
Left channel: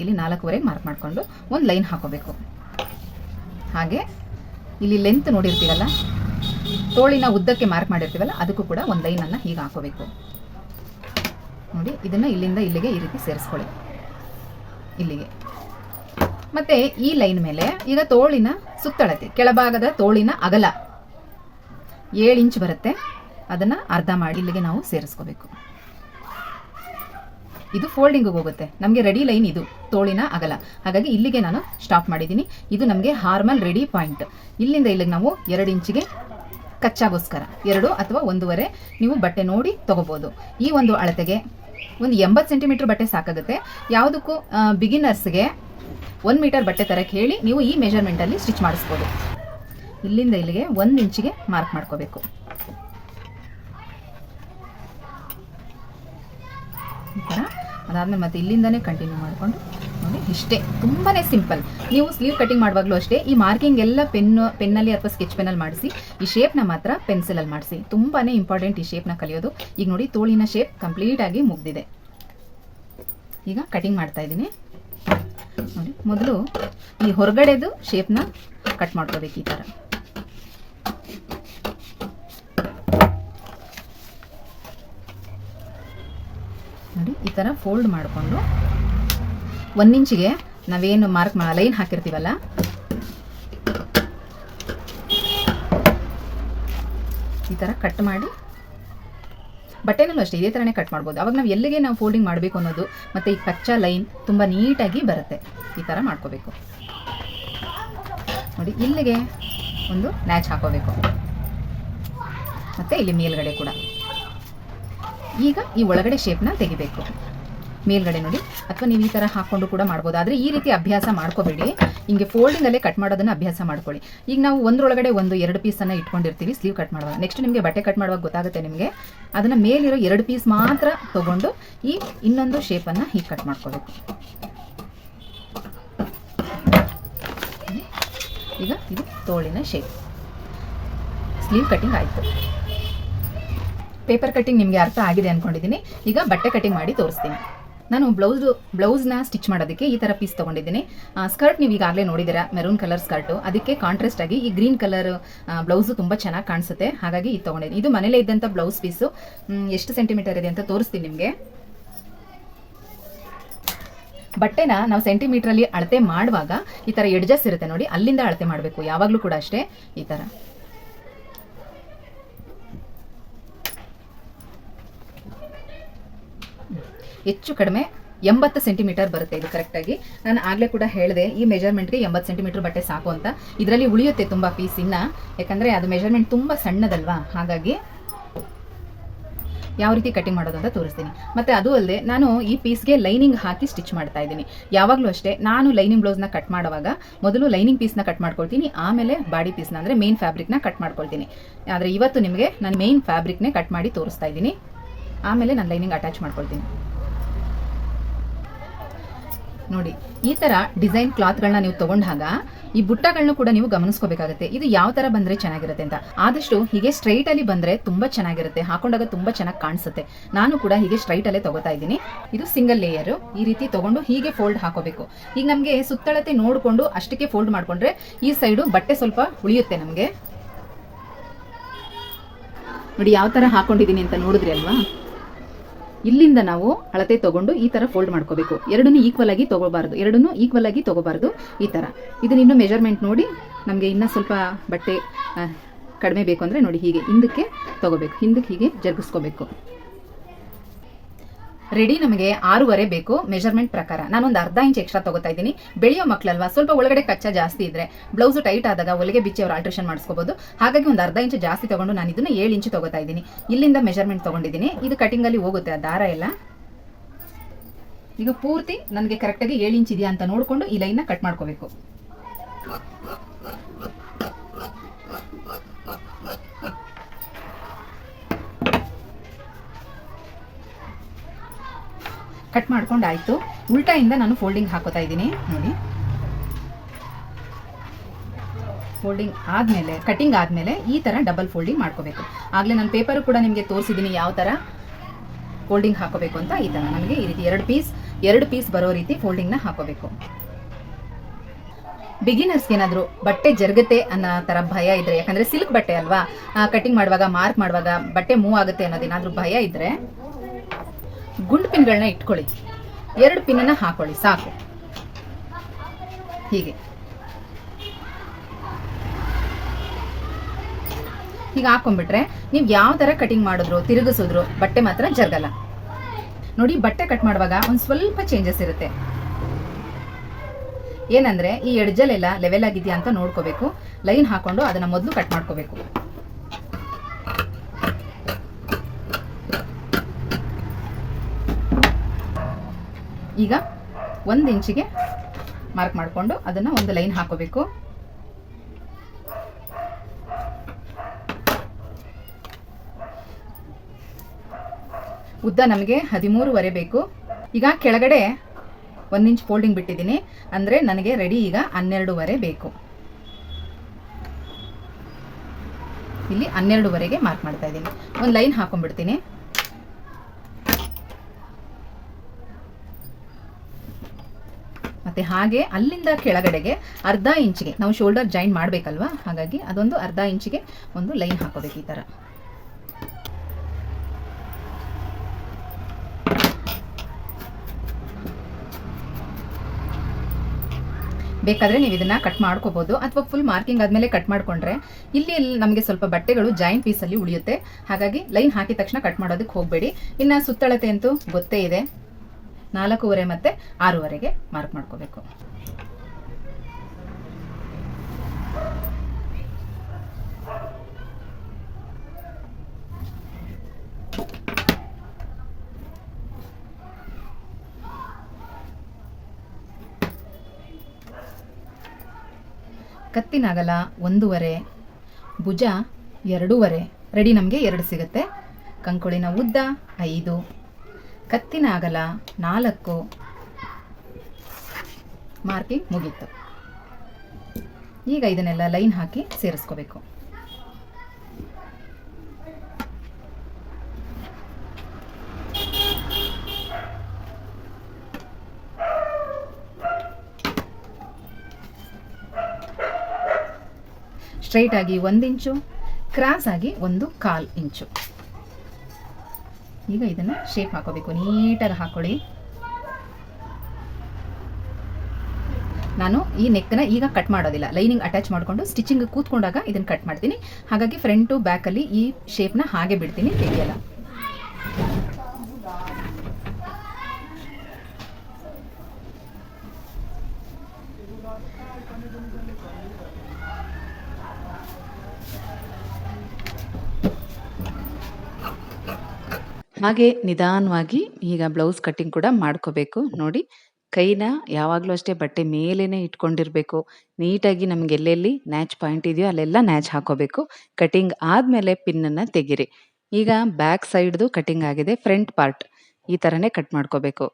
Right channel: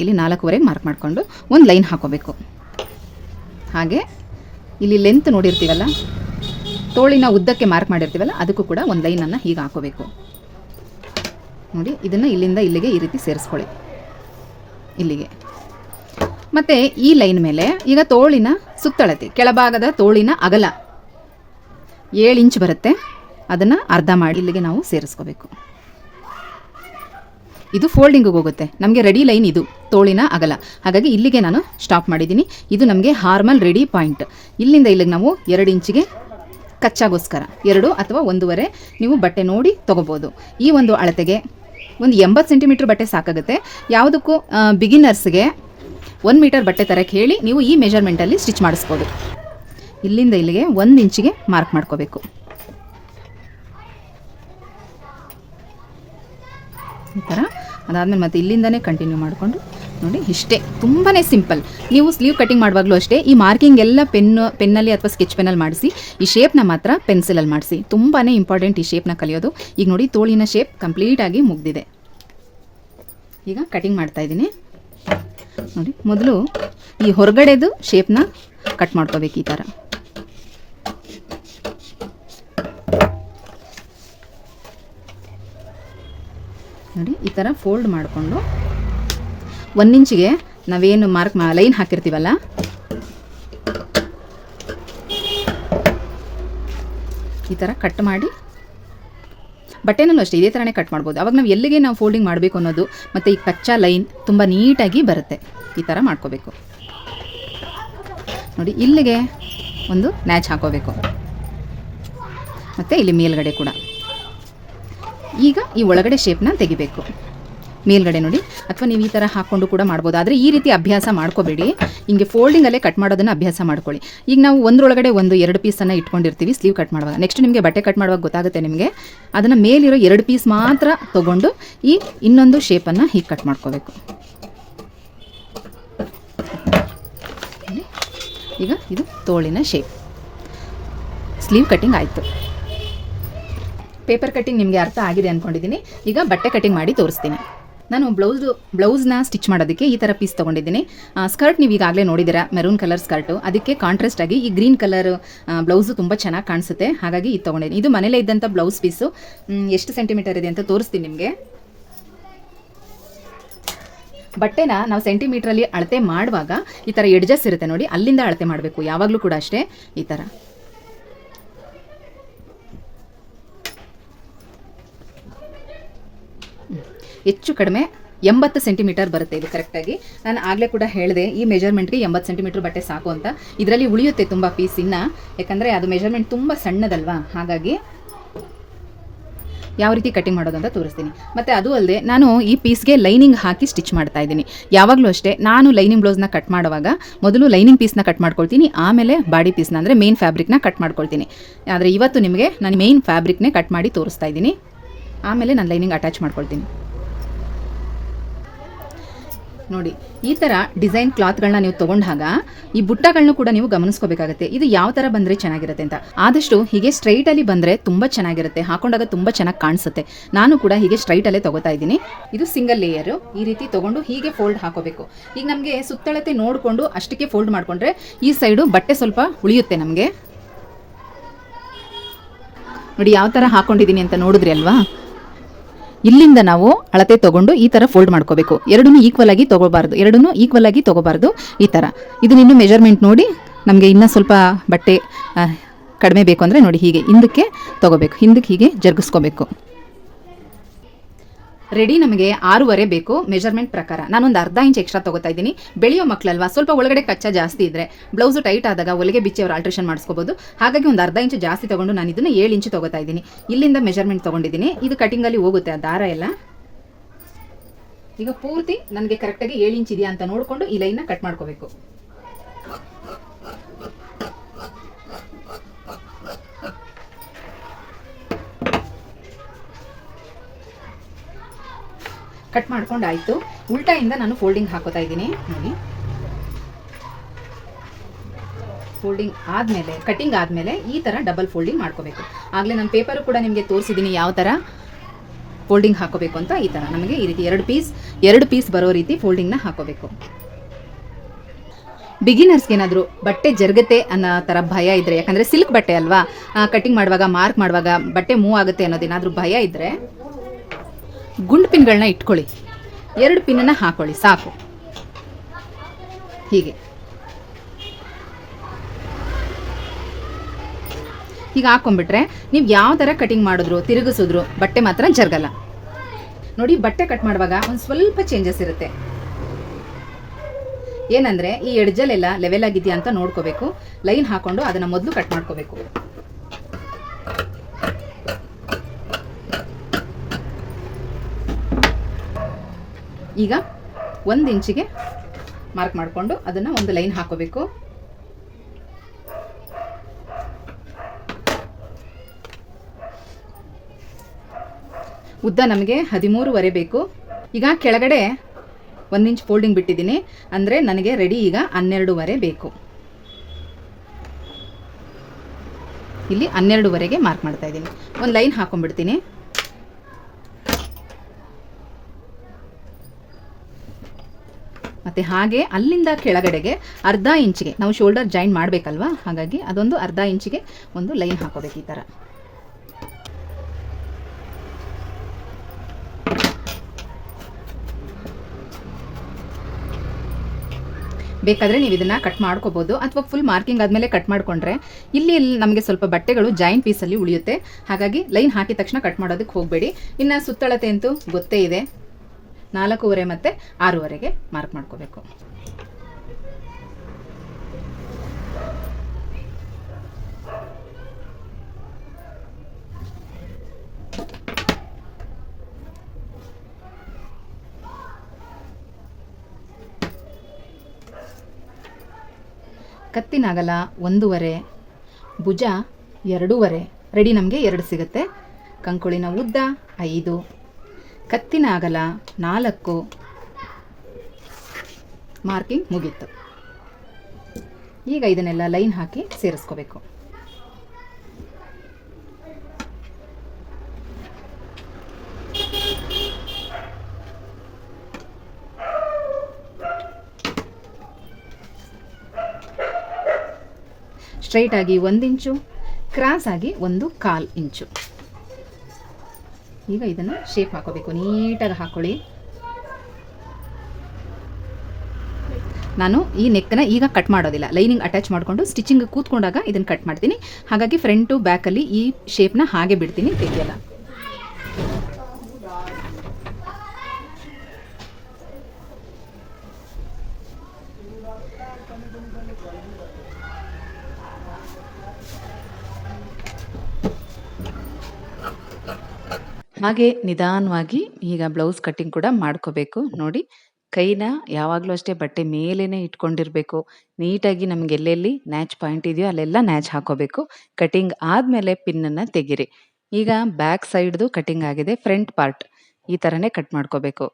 ಇಲ್ಲಿ 4.5 ಮಾರ್ಕ್ ಮಾಡಿಕೊಂಡು ಒಂದು ಲೈನ್ ಹಾಕೋಬೇಕು. ಹಾಗೆ ಇಲ್ಲಿ ಲೆಂತ್ ನೋಡಿರ್ತೀವಲ್ಲ, ತೋಳಿನ ಉದ್ದಕ್ಕೆ ಮಾರ್ಕ್ ಮಾಡಿರ್ತೀವಲ್ಲ, ಅದಕ್ಕೂ ಕೂಡ ಒಂದು ಲೈನನ್ನು ಹೀಗೆ ಹಾಕೋಬೇಕು. ನೋಡಿ, ಇದನ್ನು ಇಲ್ಲಿಂದ ಇಲ್ಲಿಗೆ ಈ ರೀತಿ ಸೇರಿಸ್ಕೊಳ್ಳಿ, ಇಲ್ಲಿಗೆ. ಮತ್ತು ಈ ಲೈನ್ ಮೇಲೆ ಈಗ ತೋಳಿನ ಸುತ್ತಳತೆ, ಕೆಳಭಾಗದ ತೋಳಿನ ಅಗಲ 7 ಇಂಚ್ ಬರುತ್ತೆ. ಅದನ್ನು ಅರ್ಧ ಮಾಡಿ ಇಲ್ಲಿಗೆ ನಾವು ಸೇರಿಸ್ಕೋಬೇಕು. ಇದು ಫೋಲ್ಡಿಂಗಿಗೆ ಹೋಗುತ್ತೆ. ನಮಗೆ ರೆಡಿ ಲೈನ್ ಇದು ತೋಳಿನ ಅಗಲ. ಹಾಗಾಗಿ ಇಲ್ಲಿಗೆ ನಾನು ಸ್ಟಾಪ್ ಮಾಡಿದ್ದೀನಿ. ಇದು ನಮಗೆ ಹಾರ್ಮಲ್ ರೆಡಿ ಪಾಯಿಂಟ್. ಇಲ್ಲಿಂದ ಇಲ್ಲಿಗೆ ನಾವು 2 ಇಂಚಿಗೆ ಕಚ್ಚಾಗೋಸ್ಕರ 2 ಅಥವಾ 1.5 ನೀವು ಬಟ್ಟೆ ನೋಡಿ ತೊಗೋಬೋದು. ಈ ಒಂದು ಅಳತೆಗೆ ಒಂದು 80 ಸೆಂಟಿಮೀಟ್ರ್ ಬಟ್ಟೆ ಸಾಕಾಗುತ್ತೆ. ಯಾವುದಕ್ಕೂ ಬಿಗಿನರ್ಸ್ಗೆ 1 ಮೀಟರ್ ಬಟ್ಟೆ ತರಕ್ಕೆ ಹೇಳಿ ನೀವು ಈ ಮೆಜರ್ಮೆಂಟಲ್ಲಿ ಸ್ಟಿಚ್ ಮಾಡಿಸ್ಬೋದು. ಇಲ್ಲಿಂದ ಇಲ್ಲಿಗೆ 1 ಇಂಚಿಗೆ ಮಾರ್ಕ್ ಮಾಡ್ಕೋಬೇಕು. ಈ ಥರ ಅದಾದಮೇಲೆ ಮತ್ತೆ ಇಲ್ಲಿಂದನೇ ಕಂಟಿನ್ಯೂ ಮಾಡಿಕೊಂಡು ನೋಡಿ, ಇಷ್ಟೇ, ತುಂಬಾ ಸಿಂಪಲ್. ನೀವು ಸ್ಲೀವ್ ಕಟಿಂಗ್ ಮಾಡುವಾಗಲೂ ಅಷ್ಟೇ ಈ ಮಾರ್ಕಿಂಗ್ ಎಲ್ಲ ಪೆನ್ನಲ್ಲಿ ಅಥವಾ ಸ್ಕೆಚ್ ಪೆನ್ನಲ್ಲಿ ಮಾಡಿಸಿ, ಈ ಶೇಪ್ನ ಮಾತ್ರ ಪೆನ್ಸಿಲಲ್ಲಿ ಮಾಡಿಸಿ. ತುಂಬಾ ಇಂಪಾರ್ಟೆಂಟ್ ಈ ಶೇಪ್ನ ಕಲಿಯೋದು. ಈಗ ನೋಡಿ, ತೋಳಿನ ಶೇಪ್ ಕಂಪ್ಲೀಟಾಗಿ ಮುಗ್ದಿದೆ. ಈಗ ಕಟಿಂಗ್ ಮಾಡ್ತಾ ಇದ್ದೀನಿ ನೋಡಿ. ಮೊದಲು ಈ ಹೊರಗಡೆದು ಶೇಪ್ನ ಕಟ್ ಮಾಡ್ಕೋಬೇಕು. ಈ ಥರ ನೋಡಿ, ಈ ಥರ ಫೋಲ್ಡ್ ಮಾಡಿಕೊಂಡು 1 ಇಂಚಿಗೆ ನಾವೇನು ಲೈನ್ ಹಾಕಿರ್ತೀವಲ್ಲ, ಈ ಥರ ಕಟ್ ಮಾಡಿ, ಬಟ್ಟೆನಲ್ಲೂ ಅಷ್ಟೇ ಇದೇ ಥರನೇ ಕಟ್ ಮಾಡ್ಬೋದು. ಅವಾಗ ನಾವು ಎಲ್ಲಿಗೆ ನಾವು ಫೋಲ್ಡಿಂಗ್ ಮಾಡಬೇಕು ಅನ್ನೋದು ಮತ್ತು ಈ ಕಚ್ಚಾ ಲೈನ್ ತುಂಬ ನೀಟಾಗಿ ಬರುತ್ತೆ. ಈ ಥರ ಮಾಡ್ಕೋಬೇಕು ನೋಡಿ. ಇಲ್ಲಿಗೆ ಒಂದು ನ್ಯಾಚ್ ಹಾಕೋಬೇಕು, ಮತ್ತು ಇಲ್ಲಿ ಮೇಲ್ಗಡೆ ಕೂಡ. ಈಗ ಈ ಒಳಗಡೆ ಶೇಪ್ನ ತೆಗಿಬೇಕು ಮೇಲ್ಗಡೆ ನೋಡಿ. ಅಥವಾ ನೀವು ಈ ಥರ ಹಾಕ್ಕೊಂಡು ಕೂಡ ಮಾಡ್ಬೋದು. ಆದರೆ ಈ ರೀತಿ ಅಭ್ಯಾಸ ಮಾಡ್ಕೋಬೇಡಿ. ಹಿಂಗೆ ಫೋಲ್ಡಿಂಗಲ್ಲೇ ಕಟ್ ಮಾಡೋದನ್ನು ಅಭ್ಯಾಸ ಮಾಡ್ಕೊಳ್ಳಿ. ಈಗ ನಾವು ಒಂದರೊಳಗಡೆ 2 ಪೀಸನ್ನು ಇಟ್ಕೊಂಡಿರ್ತೀವಿ ಸ್ಲೀವ್ ಕಟ್ ಮಾಡುವಾಗ. ನೆಕ್ಸ್ಟ್ ನಿಮಗೆ ಬಟ್ಟೆ ಕಟ್ ಮಾಡುವಾಗ ಗೊತ್ತಾಗುತ್ತೆ ನಿಮಗೆ. ಅದನ್ನು ಮೇಲಿರೋ 2 ಪೀಸ್ ಮಾತ್ರ ತೊಗೊಂಡು ಈ ಇನ್ನೊಂದು ಶೇಪನ್ನು ಹೀಗೆ ಕಟ್ ಮಾಡ್ಕೋಬೇಕು. ಈಗ ಇದು ತೋಳಿನ ಶೇಪ್. ಸ್ಲೀವ್ ಕಟಿಂಗ್ ಆಯಿತು. ಪೇಪರ್ ಕಟಿಂಗ್ ನಿಮಗೆ ಅರ್ಥ ಆಗಿದೆ ಅಂದ್ಕೊಂಡಿದ್ದೀನಿ. ಈಗ ಬಟ್ಟೆ ಕಟಿಂಗ್ ಮಾಡಿ ತೋರಿಸ್ತೀನಿ. ನಾನು ಬ್ಲೌಸ್ನ ಸ್ಟಿಚ್ ಮಾಡೋದಕ್ಕೆ ಈ ಥರ ಪೀಸ್ ತೊಗೊಂಡಿದ್ದೀನಿ. ಸ್ಕರ್ಟ್ ನೀವು ಈಗಾಗಲೇ ನೋಡಿದ್ದೀರಾ, ಮೆರೂನ್ ಕಲರ್ ಸ್ಕರ್ಟು. ಅದಕ್ಕೆ ಕಾಂಟ್ರಾಸ್ಟ್ ಆಗಿ ಈ ಗ್ರೀನ್ ಕಲರ್ ಬ್ಲೌಸು ತುಂಬ ಚೆನ್ನಾಗಿ ಕಾಣಿಸುತ್ತೆ. ಹಾಗಾಗಿ ಇದು ತೊಗೊಂಡಿದ್ದೀನಿ. ಇದು ಮನೇಲೇ ಇದ್ದಂಥ ಬ್ಲೌಸ್ ಪೀಸು. ಎಷ್ಟು ಸೆಂಟಿಮೀಟರ್ ಇದೆ ಅಂತ ತೋರಿಸ್ತೀನಿ ನಿಮಗೆ. ಬಟ್ಟೆನ ನಾವು ಸೆಂಟಿಮೀಟ್ರಲ್ಲಿ ಅಳತೆ ಮಾಡುವಾಗ ಈ ಥರ ಎಡ್ಜಸ್ ಇರುತ್ತೆ ನೋಡಿ, ಅಲ್ಲಿಂದ ಅಳತೆ ಮಾಡಬೇಕು ಯಾವಾಗಲೂ ಕೂಡ ಅಷ್ಟೇ. ಈ ಥರ ಹೆಚ್ಚು ಕಡಿಮೆ 80 ಸೆಂಟಿಮೀಟರ್ ಬರುತ್ತೆ ಇದು ಕರೆಕ್ಟಾಗಿ. ನಾನು ಆಗಲೇ ಕೂಡ ಹೇಳಿದೆ, ಈ ಮೆಜರ್ಮೆಂಟ್ಗೆ 80 ಸೆಂಟಿಮೀಟರ್ ಬಟ್ಟೆ ಸಾಕು ಅಂತ. ಇದರಲ್ಲಿ ಉಳಿಯುತ್ತೆ ತುಂಬ ಪೀಸ್ ಇನ್ನು, ಯಾಕಂದರೆ ಅದು ಮೆಜರ್ಮೆಂಟ್ ತುಂಬ ಸಣ್ಣದಲ್ವಾ. ಹಾಗಾಗಿ ಯಾವ ರೀತಿ ಕಟಿಂಗ್ ಮಾಡೋದು ಅಂತ ತೋರಿಸ್ತೀನಿ. ಮತ್ತು ಅದು ಅಲ್ಲದೆ ನಾನು ಈ ಪೀಸ್ಗೆ ಲೈನಿಂಗ್ ಹಾಕಿ ಸ್ಟಿಚ್ ಮಾಡ್ತಾ ಇದ್ದೀನಿ. ಯಾವಾಗಲೂ ಅಷ್ಟೇ, ನಾನು ಲೈನಿಂಗ್ ಬ್ಲೌಸ್ನ ಕಟ್ ಮಾಡುವಾಗ ಮೊದಲು ಲೈನಿಂಗ್ ಪೀಸ್ನ ಕಟ್ ಮಾಡ್ಕೊಳ್ತೀನಿ, ಆಮೇಲೆ ಬಾಡಿ ಪೀಸ್ನ ಅಂದರೆ ಮೇನ್ ಫ್ಯಾಬ್ರಿಕ್ನ ಕಟ್ ಮಾಡ್ಕೊಳ್ತೀನಿ. ಆದರೆ ಇವತ್ತು ನಿಮಗೆ ನಾನು ಮೇನ್ ಫ್ಯಾಬ್ರಿಕ್ನೇ ಕಟ್ ಮಾಡಿ ತೋರಿಸ್ತಾ ಇದ್ದೀನಿ, ಆಮೇಲೆ ನಾನು ಲೈನಿಂಗ್ ಅಟ್ಯಾಚ್ ಮಾಡ್ಕೊಳ್ತೀನಿ. ನೋಡಿ, ಈ ಥರ ಡಿಸೈನ್ ಕ್ಲಾತ್ಗಳನ್ನ ನೀವು ತೊಗೊಂಡಾಗ ಈ ಬುಟ್ಟಗಳನ್ನೂ ಕೂಡ ನೀವು ಗಮನಿಸ್ಕೋಬೇಕಾಗುತ್ತೆ. ಇದು ಯಾವ ಥರ ಬಂದರೆ ಚೆನ್ನಾಗಿರುತ್ತೆ ಅಂತ. ಆದಷ್ಟು ಹೀಗೆ ಸ್ಟ್ರೈಟಲ್ಲಿ ಬಂದರೆ ತುಂಬ ಚೆನ್ನಾಗಿರುತ್ತೆ, ಹಾಕೊಂಡಾಗ ತುಂಬ ಚೆನ್ನಾಗಿ ಕಾಣಿಸುತ್ತೆ. ನಾನು ಕೂಡ ಹೀಗೆ ಸ್ಟ್ರೈಟಲ್ಲೇ ತೊಗೋತಾ ಇದ್ದೀನಿ. ಇದು ಸಿಂಗಲ್ ಲೇಯರು. ಈ ರೀತಿ ತೊಗೊಂಡು ಹೀಗೆ ಫೋಲ್ಡ್ ಹಾಕೋಬೇಕು. ಈಗ ನಮಗೆ ಸುತ್ತಳತೆ ನೋಡಿಕೊಂಡು ಅಷ್ಟಕ್ಕೆ ಫೋಲ್ಡ್ ಮಾಡಿಕೊಂಡ್ರೆ ಈ ಸೈಡು ಬಟ್ಟೆ ಸ್ವಲ್ಪ ಉಳಿಯುತ್ತೆ ನಮಗೆ. ನೋಡಿ ಯಾವ ಥರ ಹಾಕೊಂಡಿದ್ದೀನಿ ಅಂತ ನೋಡಿದ್ರಿ ಅಲ್ವಾ. ಇಲ್ಲಿಂದ ನಾವು ಅಳತೆ ತೊಗೊಂಡು ಈ ಥರ ಫೋಲ್ಡ್ ಮಾಡ್ಕೋಬೇಕು. ಎರಡನ್ನೂ ಈಕ್ವಲ್ ಆಗಿ ತೊಗೋಬಾರ್ದು. ಈ ಥರ ಇದನ್ನಿನ್ನೂ ಮೆಜರ್ಮೆಂಟ್ ನೋಡಿ, ನಮಗೆ ಇನ್ನೂ ಸ್ವಲ್ಪ ಬಟ್ಟೆ ಕಡಿಮೆ ಬೇಕು ಅಂದರೆ ನೋಡಿ ಹೀಗೆ ಹಿಂದಕ್ಕೆ ತೊಗೋಬೇಕು, ಹಿಂದಕ್ಕೆ ಹೀಗೆ ಜರುಗಿಸ್ಕೋಬೇಕು. ರೆಡಿ ನಮಗೆ 6.5 ಬೇಕು ಮೆಜರ್ಮೆಂಟ್ ಪ್ರಕಾರ. ನಾನೊಂದು ಅರ್ಧ ಇಂಚ್ ಎಕ್ಸ್ಟ್ರಾ ತೊಗೋತಾ ಇದ್ದೀನಿ. ಬೆಳೆಯೋ ಮಕ್ಕಳಲ್ವಾ, ಸ್ವಲ್ಪ ಒಳಗಡೆ ಕಚ್ಚಾ ಜಾಸ್ತಿ ಇದ್ದರೆ ಬ್ಲೌಸು ಟೈಟ್ ಆದಾಗ ಒಳಗೆ ಬಿಚ್ಚಿ ಅವ್ರು ಆಲ್ಟ್ರೇಷನ್ ಮಾಡಿಸ್ಕೋಬೋದು. ಹಾಗಾಗಿ ಒಂದು ಅರ್ಧ ಇಂಚ್ ಜಾಸ್ತಿ ತೊಗೊಂಡು ನಾನು ಇದನ್ನು 7 ಇಂಚ್ ತೊಗೋತಾ ಇದ್ದೀನಿ. ಇಲ್ಲಿಂದ ಮೆಜರ್ಮೆಂಟ್ ತೊಗೊಂಡಿದ್ದೀನಿ. ಇದು ಕಟಿಂಗಲ್ಲಿ ಹೋಗುತ್ತೆ ಆ ದಾರ ಎಲ್ಲ. ಈಗ ಪೂರ್ತಿ ನನಗೆ ಕರೆಕ್ಟಾಗಿ 7 ಇಂಚ್ ಇದೆಯಾ ಅಂತ ನೋಡಿಕೊಂಡು ಈ ಲೈನ್ನ ಕಟ್ ಮಾಡ್ಕೋಬೇಕು. ಕಟ್ ಮಾಡ್ಕೊಂಡು ಆಯಿತು. ಉಲ್ಟಾಯಿಂದ ನಾನು ಫೋಲ್ಡಿಂಗ್ ಹಾಕೋತಾ ಇದ್ದೀನಿ ನೋಡಿ. ಫೋಲ್ಡಿಂಗ್ ಆದಮೇಲೆ, ಕಟಿಂಗ್ ಆದಮೇಲೆ ಈ ಥರ ಡಬಲ್ ಫೋಲ್ಡಿಂಗ್ ಮಾಡ್ಕೋಬೇಕು. ಆಗಲೇ ನಾನು ಪೇಪರು ಕೂಡ ನಿಮಗೆ ತೋರಿಸಿದ್ದೀನಿ ಯಾವ ಥರ ಫೋಲ್ಡಿಂಗ್ ಹಾಕೋಬೇಕು ಅಂತ. ಈ ಥರ ನಮಗೆ ಈ ರೀತಿ ಎರಡು ಪೀಸ್ ಬರೋ ರೀತಿ ಫೋಲ್ಡಿಂಗ್ನ ಹಾಕೋಬೇಕು. ಬಿಗಿನರ್ಸ್ಗೆ ಏನಾದರೂ ಬಟ್ಟೆ ಜರುಗತ್ತೆ ಅನ್ನೋ ಥರ ಭಯ ಇದ್ದರೆ, ಯಾಕಂದರೆ ಸಿಲ್ಕ್ ಬಟ್ಟೆ ಅಲ್ವಾ, ಕಟಿಂಗ್ ಮಾಡುವಾಗ ಮಾರ್ಕ್ ಮಾಡುವಾಗ ಬಟ್ಟೆ ಮೂವ್ ಆಗುತ್ತೆ ಅನ್ನೋದೇನಾದರೂ ಭಯ ಇದ್ದರೆ ಗುಂಡು ಪಿನ್ಗಳನ್ನ ಇಟ್ಕೊಳ್ಳಿ. 2 ಪಿನ್ನನ್ನು ಹಾಕೊಳ್ಳಿ ಸಾಕು. ಹೀಗೆ ಹಾಕೊಂಡ್ಬಿಟ್ರೆ ನೀವು ಯಾವ ಥರ ಕಟಿಂಗ್ ಮಾಡಿದ್ರು ತಿರುಗಿಸಿದ್ರು ಬಟ್ಟೆ ಮಾತ್ರ ಜರುಗಲ್ಲ. ನೋಡಿ, ಬಟ್ಟೆ ಕಟ್ ಮಾಡುವಾಗ ಒಂದು ಸ್ವಲ್ಪ ಚೇಂಜಸ್ ಇರುತ್ತೆ. ಏನಂದರೆ ಈ ಎಡ್ಜಲ್ಲೆಲ್ಲ ಲೆವೆಲ್ ಆಗಿದೆಯಾ ಅಂತ ನೋಡ್ಕೋಬೇಕು. ಲೈನ್ ಹಾಕೊಂಡು ಅದನ್ನು ಮೊದಲು ಕಟ್ ಮಾಡ್ಕೋಬೇಕು. ಈಗ 1 ಇಂಚಿಗೆ ಮಾರ್ಕ್ ಮಾಡಿಕೊಂಡು ಅದನ್ನು ಒಂದು ಲೈನ್ ಹಾಕೋಬೇಕು. ಉದ್ದ ನಮಗೆ 13.5 ಬೇಕು. ಈಗ ಕೆಳಗಡೆ 1 ಇಂಚ್ ಫೋಲ್ಡಿಂಗ್ ಬಿಟ್ಟಿದ್ದೀನಿ, ಅಂದರೆ ನನಗೆ ರೆಡಿ ಈಗ 12.5 ಬೇಕು. ಇಲ್ಲಿ 12.5ಗೆ ಮಾರ್ಕ್ ಮಾಡ್ತಾ ಇದ್ದೀನಿ. ಒಂದು ಲೈನ್ ಹಾಕೊಂಡ್ಬಿಡ್ತೀನಿ. ಮತ್ತು ಹಾಗೆ ಅಲ್ಲಿಂದ ಕೆಳಗಡೆಗೆ ಅರ್ಧ ಇಂಚಿಗೆ ನಾವು ಶೋಲ್ಡರ್ ಜಾಯಿನ್ ಮಾಡಬೇಕಲ್ವಾ, ಹಾಗಾಗಿ ಅದೊಂದು ಅರ್ಧ ಇಂಚಿಗೆ ಒಂದು ಲೈನ್ ಹಾಕೋಬೇಕು ಈ ಥರ. ಬೇಕಾದರೆ ನೀವು ಇದನ್ನು ಕಟ್ ಮಾಡ್ಕೋಬೋದು, ಅಥವಾ ಫುಲ್ ಮಾರ್ಕಿಂಗ್ ಆದಮೇಲೆ ಕಟ್ ಮಾಡಿಕೊಂಡ್ರೆ ಇಲ್ಲಿ ನಮಗೆ ಸ್ವಲ್ಪ ಬಟ್ಟೆಗಳು ಜಾಯಿಂಟ್ ಪೀಸಲ್ಲಿ ಉಳಿಯುತ್ತೆ. ಹಾಗಾಗಿ ಲೈನ್ ಹಾಕಿದ ತಕ್ಷಣ ಕಟ್ ಮಾಡೋದಕ್ಕೆ ಹೋಗಬೇಡಿ. ಇನ್ನು ಸುತ್ತಳತೆ ಅಂತೂ ಗೊತ್ತೇ ಇದೆ, 4.5 ಮತ್ತು 6.5ಗೆ ಮಾರ್ಕ್ ಮಾಡ್ಕೋಬೇಕು. ಕತ್ತಿನ ಅಗಲ 1.5, ಭುಜ 2.5, ರೆಡಿ ನಮಗೆ 2 ಸಿಗುತ್ತೆ. ಕಂಕುಳಿನ ಉದ್ದ 5, ಕತ್ತಿನ ಅಗಲ 4, ಮಾರ್ಕಿಂಗ್ ಮುಗೀತು. ಈಗ ಇದನ್ನೆಲ್ಲ ಲೈನ್ ಹಾಕಿ ಸೇರಿಸ್ಕೋಬೇಕು. ಸ್ಟ್ರೈಟ್ ಆಗಿ 1 ಇಂಚು, ಕ್ರಾಸ್ ಆಗಿ 1/4 ಇಂಚು. ಈಗ ಇದನ್ನು ಶೇಪ್ ಹಾಕೋಬೇಕು. ನೀಟಾಗಿ ಹಾಕೊಳ್ಳಿ. ನಾನು ಈ ನೆಕ್ಕನ್ನ ಈಗ ಕಟ್ ಮಾಡೋದಿಲ್ಲ, ಲೈನಿಂಗ್ ಅಟ್ಯಾಚ್ ಮಾಡಿಕೊಂಡು ಸ್ಟಿಚಿಂಗ್ ಕೂತ್ಕೊಂಡಾಗ ಇದನ್ನು ಕಟ್ ಮಾಡ್ತೀನಿ. ಹಾಗಾಗಿ ಫ್ರಂಟು ಬ್ಯಾಕಲ್ಲಿ ಈ ಶೇಪ್ನ ಹಾಗೆ ಬಿಡ್ತೀನಿ, ತೆಗಿಯಲ್ಲ. ಹಾಗೆ ನಿಧಾನವಾಗಿ ಈಗ ಬ್ಲೌಸ್ ಕಟ್ಟಿಂಗ್ ಕೂಡ ಮಾಡ್ಕೋಬೇಕು. ನೋಡಿ, ಕೈನ ಯಾವಾಗಲೂ ಅಷ್ಟೇ ಬಟ್ಟೆ ಮೇಲೇನೆ ಇಟ್ಕೊಂಡಿರಬೇಕು. ನೀಟಾಗಿ ನಮ್ಗೆ ಎಲ್ಲೆಲ್ಲಿ ನ್ಯಾಚ್ ಪಾಯಿಂಟ್ ಇದೆಯೋ ಅಲ್ಲೆಲ್ಲ ನ್ಯಾಚ್ ಹಾಕೋಬೇಕು. ಕಟಿಂಗ್ ಆದಮೇಲೆ ಪಿನ್ನನ್ನು ತೆಗಿರಿ. ಈಗ ಬ್ಯಾಕ್ ಸೈಡ್ದು ಕಟಿಂಗ್ ಆಗಿದೆ, ಫ್ರಂಟ್ ಪಾರ್ಟ್ ಈ ಥರನೇ ಕಟ್ ಮಾಡ್ಕೋಬೇಕು.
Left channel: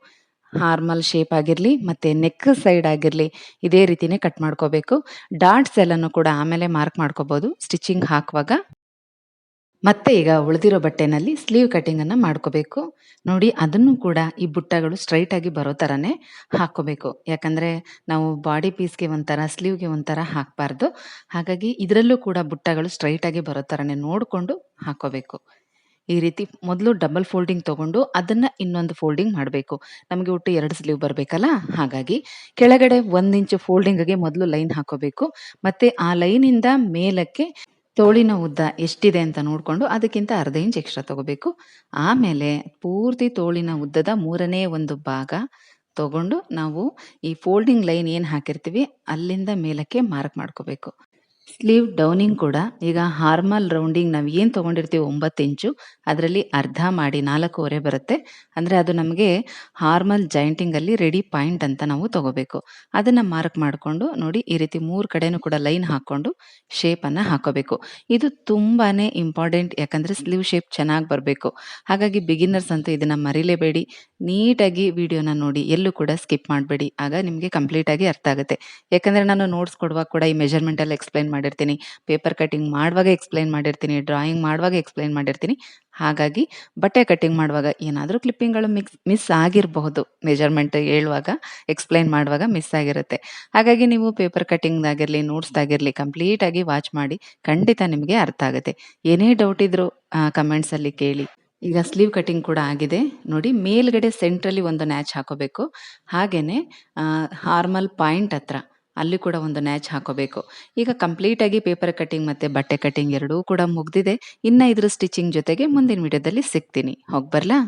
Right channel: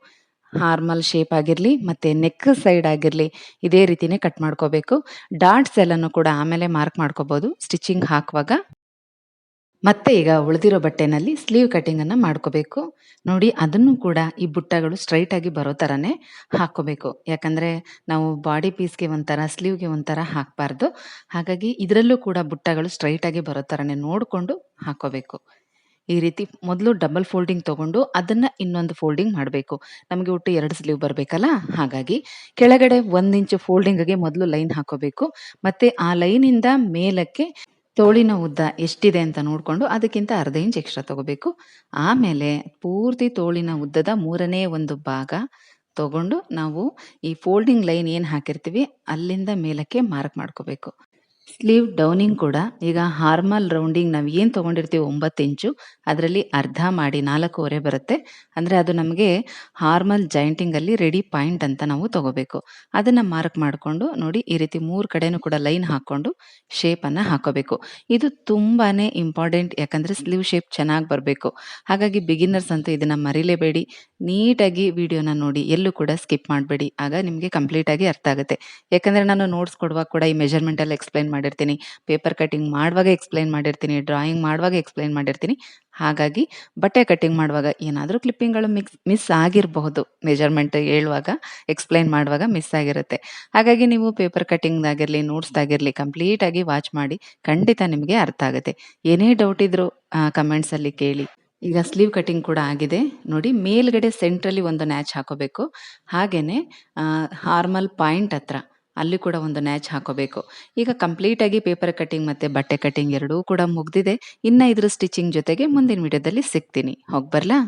ಹಾರ್ಮಲ್ ಶೇಪ್ ಆಗಿರಲಿ ಮತ್ತು ನೆಕ್ ಸೈಡ್ ಆಗಿರಲಿ ಇದೇ ರೀತಿನೇ ಕಟ್ ಮಾಡ್ಕೋಬೇಕು. ಡಾಟ್ಸ್ ಎಲ್ಲನೂ ಕೂಡ ಆಮೇಲೆ ಮಾರ್ಕ್ ಮಾಡ್ಕೋಬೋದು ಸ್ಟಿಚಿಂಗ್ ಹಾಕುವಾಗ. ಮತ್ತೆ ಈಗ ಉಳಿದಿರೋ ಬಟ್ಟೆನಲ್ಲಿ ಸ್ಲೀವ್ ಕಟಿಂಗನ್ನು ಮಾಡ್ಕೋಬೇಕು. ನೋಡಿ, ಅದನ್ನು ಕೂಡ ಈ ಬುಟ್ಟಗಳು ಸ್ಟ್ರೈಟಾಗಿ ಬರೋ ಥರನೇ ಹಾಕ್ಕೋಬೇಕು. ಯಾಕಂದರೆ ನಾವು ಬಾಡಿ ಪೀಸ್ಗೆ ಒಂಥರ, ಸ್ಲೀವ್ಗೆ ಒಂಥರ ಹಾಕಬಾರ್ದು. ಹಾಗಾಗಿ ಇದರಲ್ಲೂ ಕೂಡ ಬುಟ್ಟಗಳು ಸ್ಟ್ರೈಟಾಗಿ ಬರೋ ಥರನೇ ನೋಡಿಕೊಂಡು ಹಾಕ್ಕೋಬೇಕು. ಈ ರೀತಿ ಮೊದಲು ಡಬಲ್ ಫೋಲ್ಡಿಂಗ್ ತೊಗೊಂಡು ಅದನ್ನು ಇನ್ನೊಂದು ಫೋಲ್ಡಿಂಗ್ ಮಾಡಬೇಕು. ನಮಗೆ ಒಟ್ಟು 2 ಸ್ಲೀವ್ ಬರಬೇಕಲ್ಲ, ಹಾಗಾಗಿ ಕೆಳಗಡೆ 1 ಇಂಚು ಫೋಲ್ಡಿಂಗ್ಗೆ ಮೊದಲು ಲೈನ್ ಹಾಕೋಬೇಕು. ಮತ್ತು ಆ ಲೈನಿಂದ ಮೇಲಕ್ಕೆ ತೋಳಿನ ಉದ್ದ ಎಷ್ಟಿದೆ ಅಂತ ನೋಡಿಕೊಂಡು ಅದಕ್ಕಿಂತ ಅರ್ಧ ಇಂಚ್ ಎಕ್ಸ್ಟ್ರಾ ತಗೋಬೇಕು. ಆಮೇಲೆ ಪೂರ್ತಿ ತೋಳಿನ ಉದ್ದದ 3ನೇ 1 ಭಾಗ ತಗೊಂಡು ನಾವು ಈ ಫೋಲ್ಡಿಂಗ್ ಲೈನ್ ಏನು ಹಾಕಿರ್ತೀವಿ ಅಲ್ಲಿಂದ ಮೇಲಕ್ಕೆ ಮಾರ್ಕ್ ಮಾಡ್ಕೋಬೇಕು. ಸ್ಲೀವ್ ಡೌನಿಂಗ್ ಕೂಡ ಈಗ ಹಾರ್ಮಲ್ ರೌಂಡಿಂಗ್ ನಾವು ಏನು ತೊಗೊಂಡಿರ್ತೀವಿ 9 ಇಂಚು, ಅದರಲ್ಲಿ ಅರ್ಧ ಮಾಡಿ 4.5 ಬರುತ್ತೆ. ಅಂದರೆ ಅದು ನಮಗೆ ಹಾರ್ಮಲ್ ಜಾಯಿಂಟಿಂಗಲ್ಲಿ ರೆಡಿ ಪಾಯಿಂಟ್ ಅಂತ ನಾವು ತಗೋಬೇಕು. ಅದನ್ನು ಮಾರ್ಕ್ ಮಾಡಿಕೊಂಡು ನೋಡಿ, ಈ ರೀತಿ 3 ಕಡೆನೂ ಕೂಡ ಲೈನ್ ಹಾಕ್ಕೊಂಡು ಶೇಪನ್ನು ಹಾಕೋಬೇಕು. ಇದು ತುಂಬಾ ಇಂಪಾರ್ಟೆಂಟ್, ಯಾಕಂದರೆ ಸ್ಲೀವ್ ಶೇಪ್ ಚೆನ್ನಾಗಿ ಬರಬೇಕು. ಹಾಗಾಗಿ ಬಿಗಿನರ್ಸ್ ಅಂತೂ ಇದನ್ನು ಮರಿಲೇಬೇಡಿ. ನೀಟಾಗಿ ವಿಡಿಯೋನ ನೋಡಿ, ಎಲ್ಲೂ ಕೂಡ ಸ್ಕಿಪ್ ಮಾಡಬೇಡಿ. ಆಗ ನಿಮಗೆ ಕಂಪ್ಲೀಟಾಗಿ ಅರ್ಥ ಆಗುತ್ತೆ. ಯಾಕಂದರೆ ನಾನು ನೋಟ್ಸ್ ಕೊಡುವಾಗ ಕೂಡ ಈ ಮೆಜರ್ಮೆಂಟಲ್ಲಿ ಎಕ್ಸ್ಪ್ಲೈನ್ ಮಾಡಿರ್ತೀನಿ, ಪೇಪರ್ ಕಟಿಂಗ್ ಮಾಡುವಾಗ ಎಕ್ಸ್‌ಪ್ಲೇನ್ ಮಾಡಿರ್ತೀನಿ, ಡ್ರಾಯಿಂಗ್ ಮಾಡುವಾಗ ಎಕ್ಸ್‌ಪ್ಲೇನ್ ಮಾಡಿರ್ತೀನಿ. ಹಾಗಾಗಿ ಬಟ್ಟೆ ಕಟಿಂಗ್ ಮಾಡುವಾಗ ಏನಾದರೂ ಕ್ಲಿಪ್ಪಿಂಗ್‌ಗಳು ಮಿಸ್ ಆಗಿರಬಹುದು. ಮೆಜರ್‌ಮೆಂಟ್ ಹೇಳುವಾಗ, ಎಕ್ಸ್‌ಪ್ಲೇನ್ ಮಾಡುವಾಗ ಮಿಸ್ ಆಗಿರುತ್ತೆ. ಹಾಗಾಗಿ ನೀವು ಪೇಪರ್ ಕಟಿಂಗ್‌ದಾಗಿರಲಿ, ನೋಟ್ಸ್‌ದಾಗಿರಲಿ ಕಂಪ್ಲೀಟಾಗಿ ವಾಚ್ ಮಾಡಿ ಖಂಡಿತ ನಿಮಗೆ ಅರ್ಥ ಆಗುತ್ತೆ. ಏನೇ ಡೌಟ್ ಇದ್ರೂ ಕಮೆಂಟ್ಸಲ್ಲಿ ಕೇಳಿ. ಈಗ ಸ್ಲೀವ್ ಕಟಿಂಗ್ ಕೂಡ ಆಗಿದೆ. ನೋಡಿ ಮೇಲ್ಗಡೆ ಸೆಂಟ್ರಲ್ಲಿ ಒಂದು ನ್ಯಾಚ್ ಹಾಕೋಬೇಕು. ಹಾಗೇನೆ ಹಾರ್ಮಲ್ ಪಾಯಿಂಟ್ ಹತ್ರ ಅಲ್ಲಿ ಕೂಡ ಒಂದು ನ್ಯಾಚ್ ಹಾಕೋಬೇಕು. ಈಗ ಕಂಪ್ಲೀಟಾಗಿ ಪೇಪರ್ ಕಟಿಂಗ್ ಮತ್ತೆ ಬಟ್ಟೆ ಕಟಿಂಗ್ ಎರಡೂ ಕೂಡ ಮುಗ್ದಿದೆ. ಇನ್ನ ಇದ್ರ ಸ್ಟಿಚಿಂಗ್ ಜೊತೆಗೆ ಮುಂದಿನ ವಿಡಿಯೋದಲ್ಲಿ ಸಿಗ್ತೀನಿ. ಹೋಗ್ಬರ್ಲಾ?